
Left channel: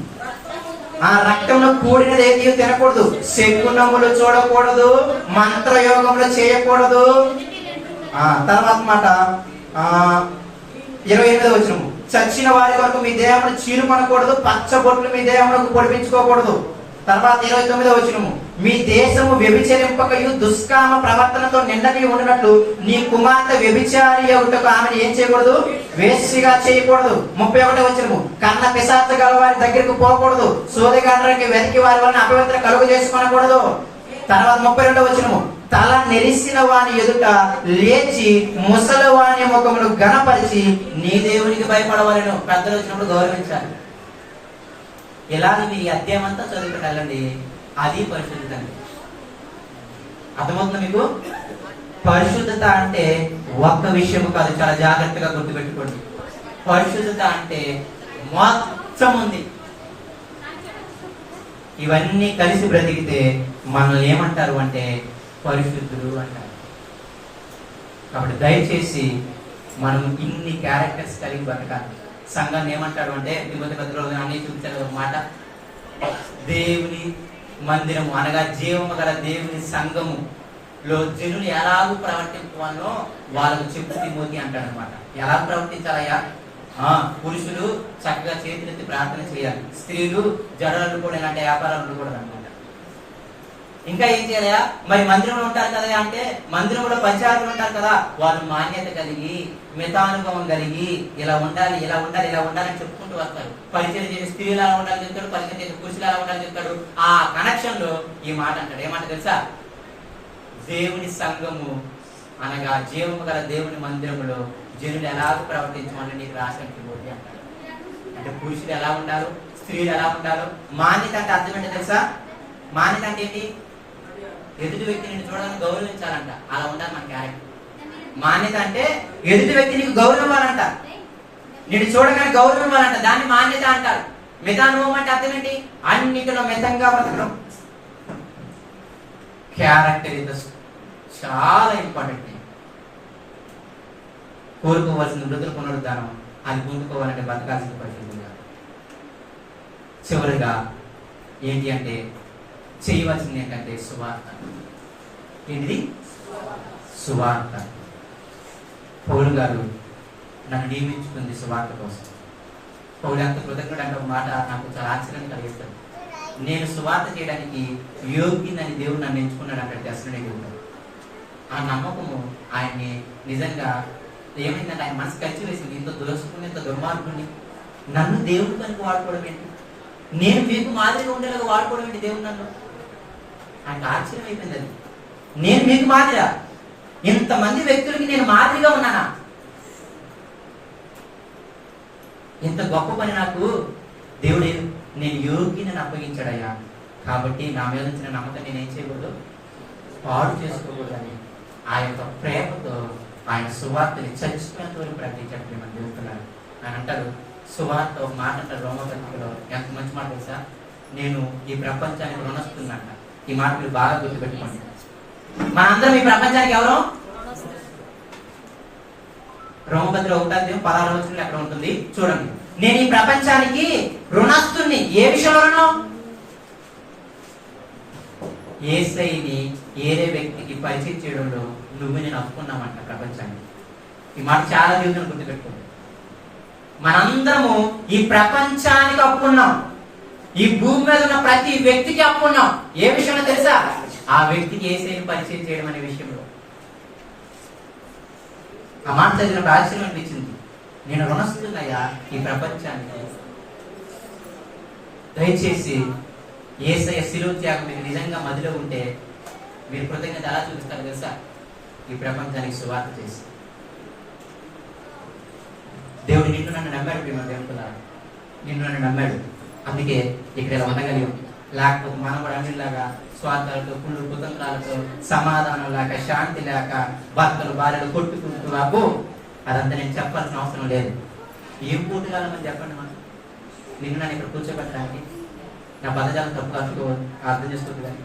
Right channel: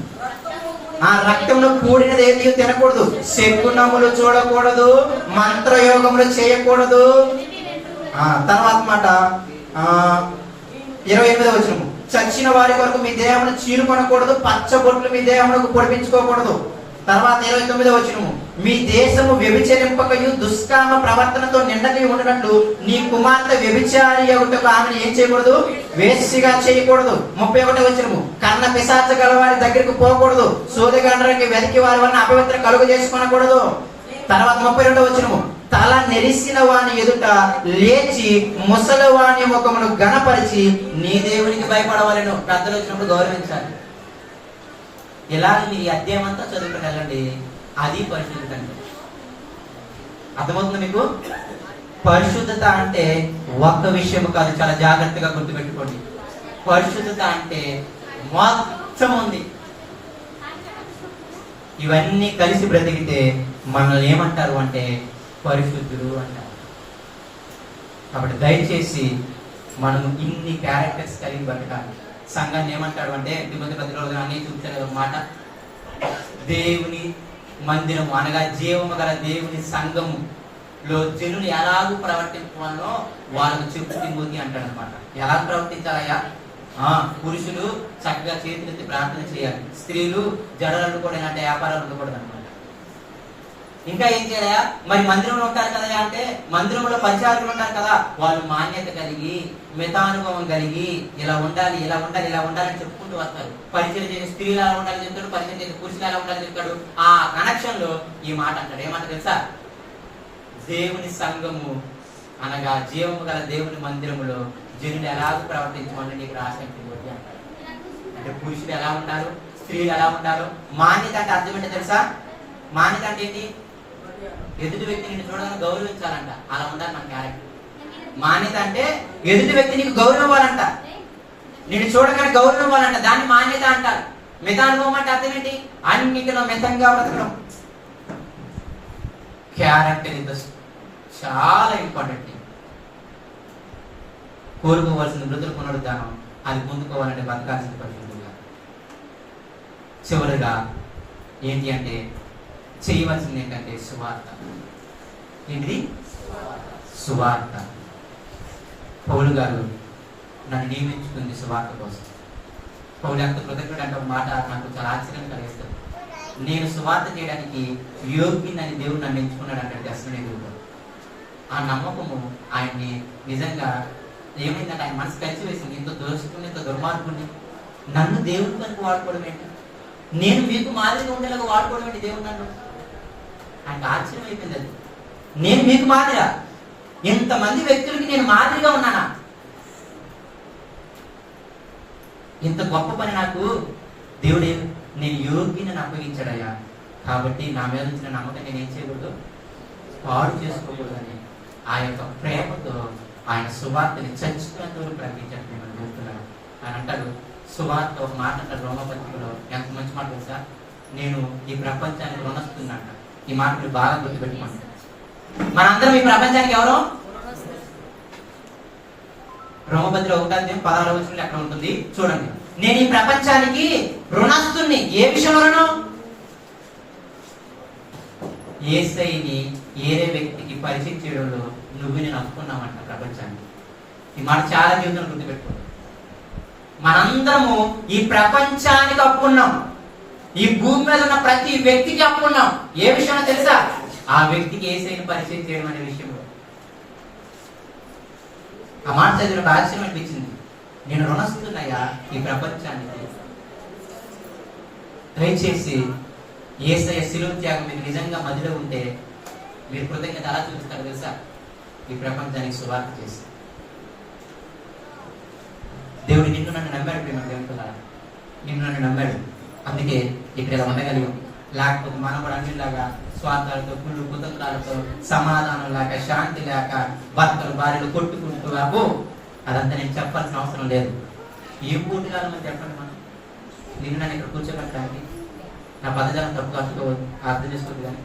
రక్తంలో కూడినది ఏది తినకూడదు, శకునములు చూడకూడదు, మంత్రయోగములు చేయకూడదు. తర్వాత మాట 28వ వచనం, చచ్చిన వారి కొరకు మీ దేహమును చీరుకొనకూడదు, పచ్చబొట్లు మీ దేహమునకు పొడిపించుకోకూడదు. తర్వాత 29వ వచనము, మీ దేశము వ్యభిచరింపకయు దుష్కామ ప్రవర్తనతో నిండని ఉన్నట్లు నీ కుమార్తె వ్యభిచారి అవుటకు ఆమెను ఏం చేయకూడదు, వేశ్యగా చేయకూడదు. 31వ వచనము, కన్న పిశాచ గల వారి దగ్గరకు పోకూడదు, సోదగాండ్రకి వెతికి వారి వలన అపవిత్ర కలుగు చేసుకొనకూడదు. తర్వాత 32వ వచనము, తల నెరిసిన వాని ఎదుట లేచి ముసలి వాని ముఖమును గణపరిచి నీ దేవునికి భయపడవలను. పెద్దలు వచ్చినప్పుడు గౌరవించాలి. ఇలా మీరు ఈ అధ్యాయం అంతా చదువుకోగలండి, అది పరిశుద్ధత అంటే. అర్థమవుతుంది మీకు? పరిశుద్ధత అంటే ఒక్క విషయం కాదు, చాలా జాగ్రత్తగా గుర్తుపెట్టుకోండి. పరిశుద్ధత అంటే మొత్తం ఉంది. ఇవన్నీ కలిసి బ్రతికితే మనల్ని ఏమంటారు అంటే పరిశుద్ధులు అంటారు. కాబట్టి దయచేసి మనం ఇన్ని క్యారెక్టర్స్ కలిగి బ్రతకాలి. సంఘాన్ని ఏమంటాడు అంటే అన్ని చూపించాలి ఒక మాట, దేవుని మందిరము అనగా జీవము గల దేవుని సంఘములో జనులు ఎలాగూ ప్రవర్తించాలో వాళ్ళకు చెప్పు తిమోతి అంటాడు అనమాట. ఎలా ప్రవర్తించాలయ్యా? పురుషులు చక్కగా చేతులెత్తి ప్రార్థన చేయాలి, స్త్రీలు జడలు కూడా అంటే వ్యాపారాలు కూడా అనమాట. ఇంకా ఏం చేయాలా? మరి మందిరంలో ఉంటారు కదా అంటే మందిరంలో పరిచారకులు ఉంటారు కదా, వాళ్ళు మాన్యత కలిగి మితానుభవం కలిగి ఇలా ఉండాలి ఇలా ఉండాలి ఇలా ఉండాలని చెప్పుకుంటూ వస్తారు. పరిచయం చేసే స్త్రీలు అలా ఉండాలని చెప్తాడు, పరిచయం చేసే పురుషులు అలా ఉండాలని చెప్తాడు. ఆ కనెక్షన్ లో ఈ మాట అంటాడు. ఏమంట తెలుసా? దేవుని సంఘము అనగా జీవము గల దేవుని మందిరములో జనుడు ఎలాగ ప్రవర్తించమని నీకు రాసినట్టు అంటారు. అంటే పురుషులు ఎలా ఉంటారు, స్త్రీలు ఎలా ఉంటారు. మాన్యత అంటే అర్థం ఏంటో తెలుసా? మాన్యత అంటే ఏంటి? ఎదుటి వ్యక్తిని చూడగానే గౌరవించాలంట, అలా ఉండాలి మన క్యారెక్టర్. మాన్యత అంటే ఎదుటి వ్యక్తి నీకు గౌరవం ఇవ్వాలంట, నేను చూడగానే గౌరవం ఇవ్వాలంట, దాన్ని మాన్యత అంటారు. మితానుభవం అంటే అర్థం ఏంటి? అన్నిటిలో మితంగా బ్రతకడం. క్యారెక్టర్ ఇస్ చాలా ఇంపార్టెంట్. కోరుకోవాల్సిన మృతులు పునరుద్ధానం, అది పొందుకోవాలంటే బతకాల్సిన పరిస్థితులుగా. చివరిగా ఏంటి అంటే చేయవలసింది ఏంటంటే సువార్త. ఏంటిది? సువార్త. పౌలు గారు నన్ను నియమించుకుంది సువార్త కోసం. పౌలు ఎంత కృతజ్ఞుడు అంటే ఒక మాట నాకు చాలా ఆశ్చర్యం కలిగిస్తుంది. నేను సువార్త చేయడానికి యోగ్యునని దేవుడు నన్ను ఎంచుకున్నాడు అంటే దర్శనే దేవుడు. ఆ నమ్మకము ఆయన్ని నిజంగా ఏమైందంటే ఆయన మనసు కలిసి వేసింది. ఇంత దోసుకుని ఇంత దుర్మార్గుని నన్ను దేవుడు కనుక వాడుకోవడం ఏంటి, నేను మీకు మాదిరిగా ఉండేలాగా వాడుకోవడం ఏంటి దేవుడు నన్ను. ఆయనకు ఆశ్చర్యం అయిపోయింది. అది నేను మీకు మాదిరా, ఇంతమంది వ్యక్తులకి నేను మాదిరిగా ఉన్నానా, ఇంత గొప్ప పని నాకు దేవుడే నేను యోగ్యని అప్పగించాడయ్యా. కాబట్టి నా మీద వచ్చిన నమ్మకం నేను ఏం చేయకూడదు, పాడు చేసుకోకూడదని ఆ యొక్క ప్రేమతో ఆయన సువార్తని చచ్చిపోయినంత వరకు ప్రకటించాడు. మనం తెలుస్తున్నాడు. ఆయన అంటారు సువార్త ఒక మాట అంటారు రోమపత్రికలో, ఎంత మంచి మాట తెలుసా? నేను ఈ ప్రపంచానికి రుణస్తున్నట్ట. ఈ మాట మీరు బాగా గుర్తుపెట్టుకోండి. మనందరం ఈ ప్రపంచానికి ఎవరు? రోమపత్రిక 1:16 అక్కడ ఉంటుంది చూడండి. నేను ఈ ప్రపంచానికి రుణస్తుని. ఏ విషయంలోనూ? యేసయ్యని ఏరే వ్యక్తికి పరిచయం చేయడంలో నువ్వు నేను అప్పుకున్నామంట ప్రపంచాన్ని. ఈ మాట చాలా జీవితం గుర్తుపెట్టుకోండి. మనందరము ఈ ప్రపంచానికి అప్పుకున్నాం. ఈ భూమి మీద ఉన్న ప్రతి వ్యక్తికి అప్పుకున్నాం. ఏ విషయంలో తెలుసా? ఆ వ్యక్తికి యేసయ్యని పరిచయం చేయడం అనే విషయంలో. ఆ మాట చదివిన ఆశ్చర్యం అనిపించింది. నేను రుణస్తున్నయ్యా ఈ ప్రపంచానికి. దయచేసి యేసయ్య శిలువ త్యాగం మీకు నిజంగా మదిలో ఉంటే మీరు కృతజ్ఞత ఎలా చూపిస్తారు తెలుసా? ఈ ప్రపంచానికి సువార్త చేసి. దేవుడు నిన్ను నన్ను నమ్మాడు. ప్రేమ దేవుడు నిన్ను నన్ను నమ్మాడు, అందుకే ఇక్కడ ఇలా ఉండగలిగాం. లేకపోతే మనం కూడా అన్నిలాగా స్వార్థాలతో కుళ్ళు కుతంత్రాలతో సమాధానం లేక శాంతి లేక భర్తలు భార్యలు కొట్టుకుంటూ అబ్బో అదంతా నేను చెప్పాల్సిన అవసరం లేదు. ఏం పూర్తికాలమని చెప్పండి. మనం నిన్ను నన్ను ఇక్కడ కూర్చోబెట్టడానికి నా పదజాలం తప్పు అర్థం చేసుకోవద్దు. కానీ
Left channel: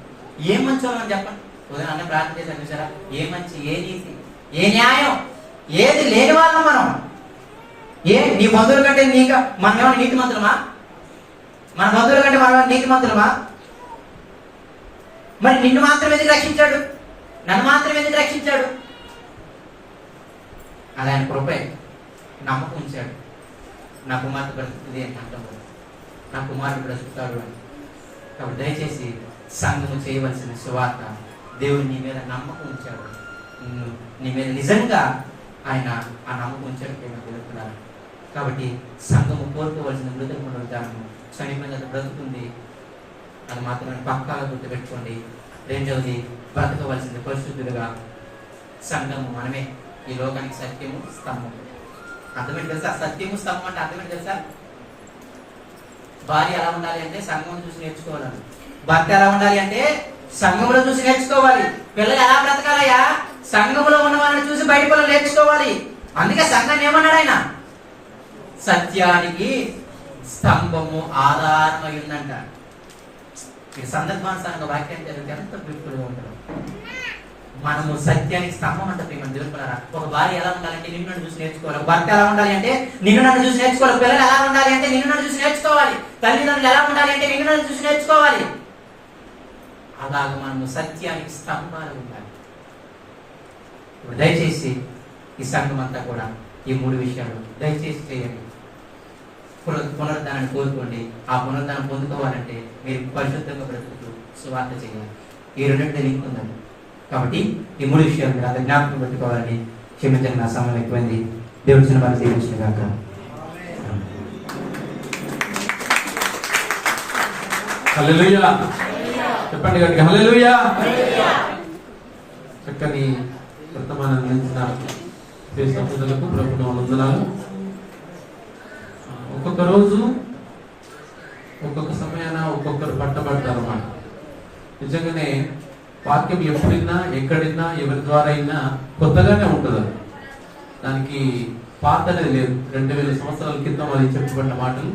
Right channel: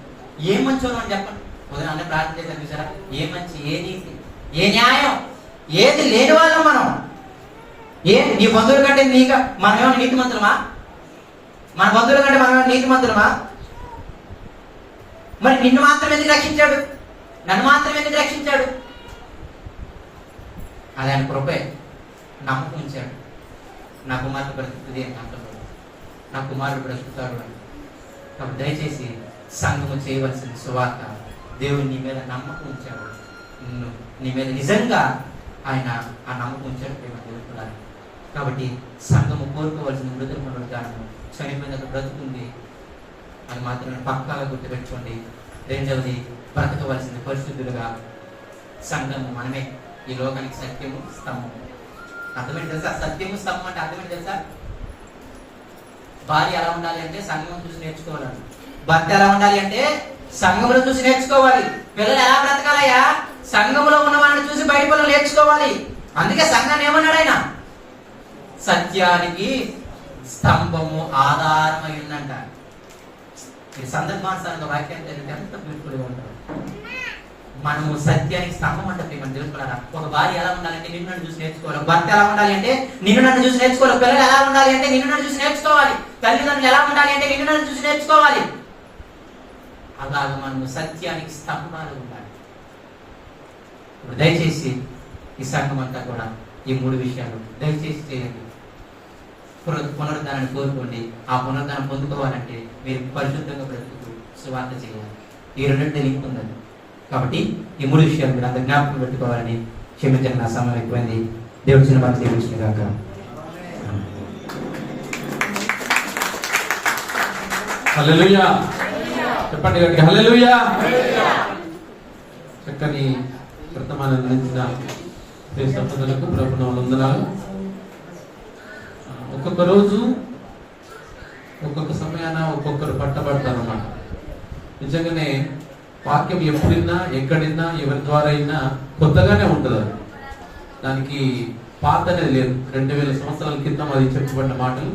ఏం మంచి అని చెప్పండి. ఉదయం అన్నీ ప్రార్థన చేశాను చూసారా? ఏ మంచి, ఏ నీతి, ఏ న్యాయం, ఏది లేని వాళ్ళం మనం. నీ బంధువుల కంటే మనం ఏమైనా నీతి మంత్రులమా? మన బంధువుల కంటే మనం ఏమైనా నీతి మంత్రులమా? మరి నిన్ను మాత్రం ఎందుకు రక్షించాడు? నన్ను మాత్రం ఎందుకు రక్షించాడు? అది ఆయన కృపే. నమ్మకం ఉంచాడు. నా కుమార్తె బ్రతుకుతుంది అని అంటున్నాడు. నా కుమారుడు బ్రతుకుతాడు అని. కాబట్టి దయచేసి సంఘము చేయవలసిన సువార్త. దేవుడు నీ మీద నమ్మకం ఉంచాడు. నీ మీద నిజంగా ఆయన ఆ నమ్మకం ఉంచాడు. తెలుపుతున్నారు. కాబట్టి సంఘము కోరుకోవలసిన మృతుల పునరుద్ధానము, చనిపోయిన బ్రతుకుంది అది మాత్రం పక్కాగా గుర్తుపెట్టుకోండి. రెండవది బ్రతకవలసింది పరిశుద్ధులుగా. సంఘము మనమే. ఈ లోకానికి సత్యము స్తంభము. అర్థమేంటి తెలుసా? సత్యము స్తంభం అంటే అర్థమేంటి తెలుసా? భార్య ఎలా ఉండాలి అంటే సంఘం చూసి నేర్చుకోవాలి. భర్త ఎలా ఉండాలి అంటే సంఘంలో చూసి నేర్చుకోవాలి. పిల్లలు ఎలా బ్రతకాలయ్యా? సంఘంలో ఉన్న వాళ్ళని చూసి బయట పిల్లలు నేర్చుకోవాలి. అందుకే సంఘాన్ని ఏమన్నాడు ఆయన? సత్యానికి స్తంభము ఆధారమై ఉందంట. ఈ సందర్భానుసారంగా వాక్యం జరిగితే ఎంత బ్యూటిఫుల్ గా ఉంటారు. మనము సత్యానికి స్తంభం అంటే ప్రేమ తెలుసుకోవాలా. ఒక భార్య ఎలా ఉండాలంటే నిన్ను నన్ను చూసి నేర్చుకోవాలి. భర్త ఎలా ఉండాలి అంటే నిన్ను నన్ను చూసి నేర్చుకోవాలి. పిల్లలు ఎలా ఉండాలి అంటే నిన్ను నన్ను చూసి నేర్చుకోవాలి. తల్లిదండ్రులు ఎలా ఉండాలి అంటే నిన్ను నన్ను చూసి నేర్చుకోవాలి. అలాగే మనము సత్యానికి స్తంభాలు ఉండాలి. దయచేసి ఈ సంఘం అంతా కూడా ఈ 3 విషయాలు దయచేసి చేయండి. పునరుద్ధానాన్ని కోరుకోండి. ఆ పునరుద్ధానం పొందుకోవాలంటే మీరు పరిశుద్ధంగా బ్రతుకుతూ సువార్త చేయాలి. ఈ రెండింటి లింక్ ఉందండి. కాబట్టి ఈ 3 విషయాలు మీరు అందరు జ్ఞాపకం పెట్టుకోవాలని. క్షమించండి, నా సమయం ఎక్కువైంది. దేవుడి చిన్న మనసు దీవించిన కాక. హల్లెలూయా చెప్పండి గట్టిగా, హల్లెలూయా. చక్కని వర్తమానం అందించిన దేశస్తులకు ప్రభుత్వ వందనాలు. ఒక్కొక్క రోజు ఒక్కొక్క సమయాన ఒక్కొక్కరు పట్టబడతారు అన్నమాట. నిజంగానే వాక్యం ఎప్పుడైనా ఎక్కడైనా ఎవరి ద్వారా అయినా కొత్తగానే ఉంటుంది. అది దానికి పాత అనేది లేదు. 2000 సంవత్సరాల క్రితం అది చెప్పబడిన మాటలు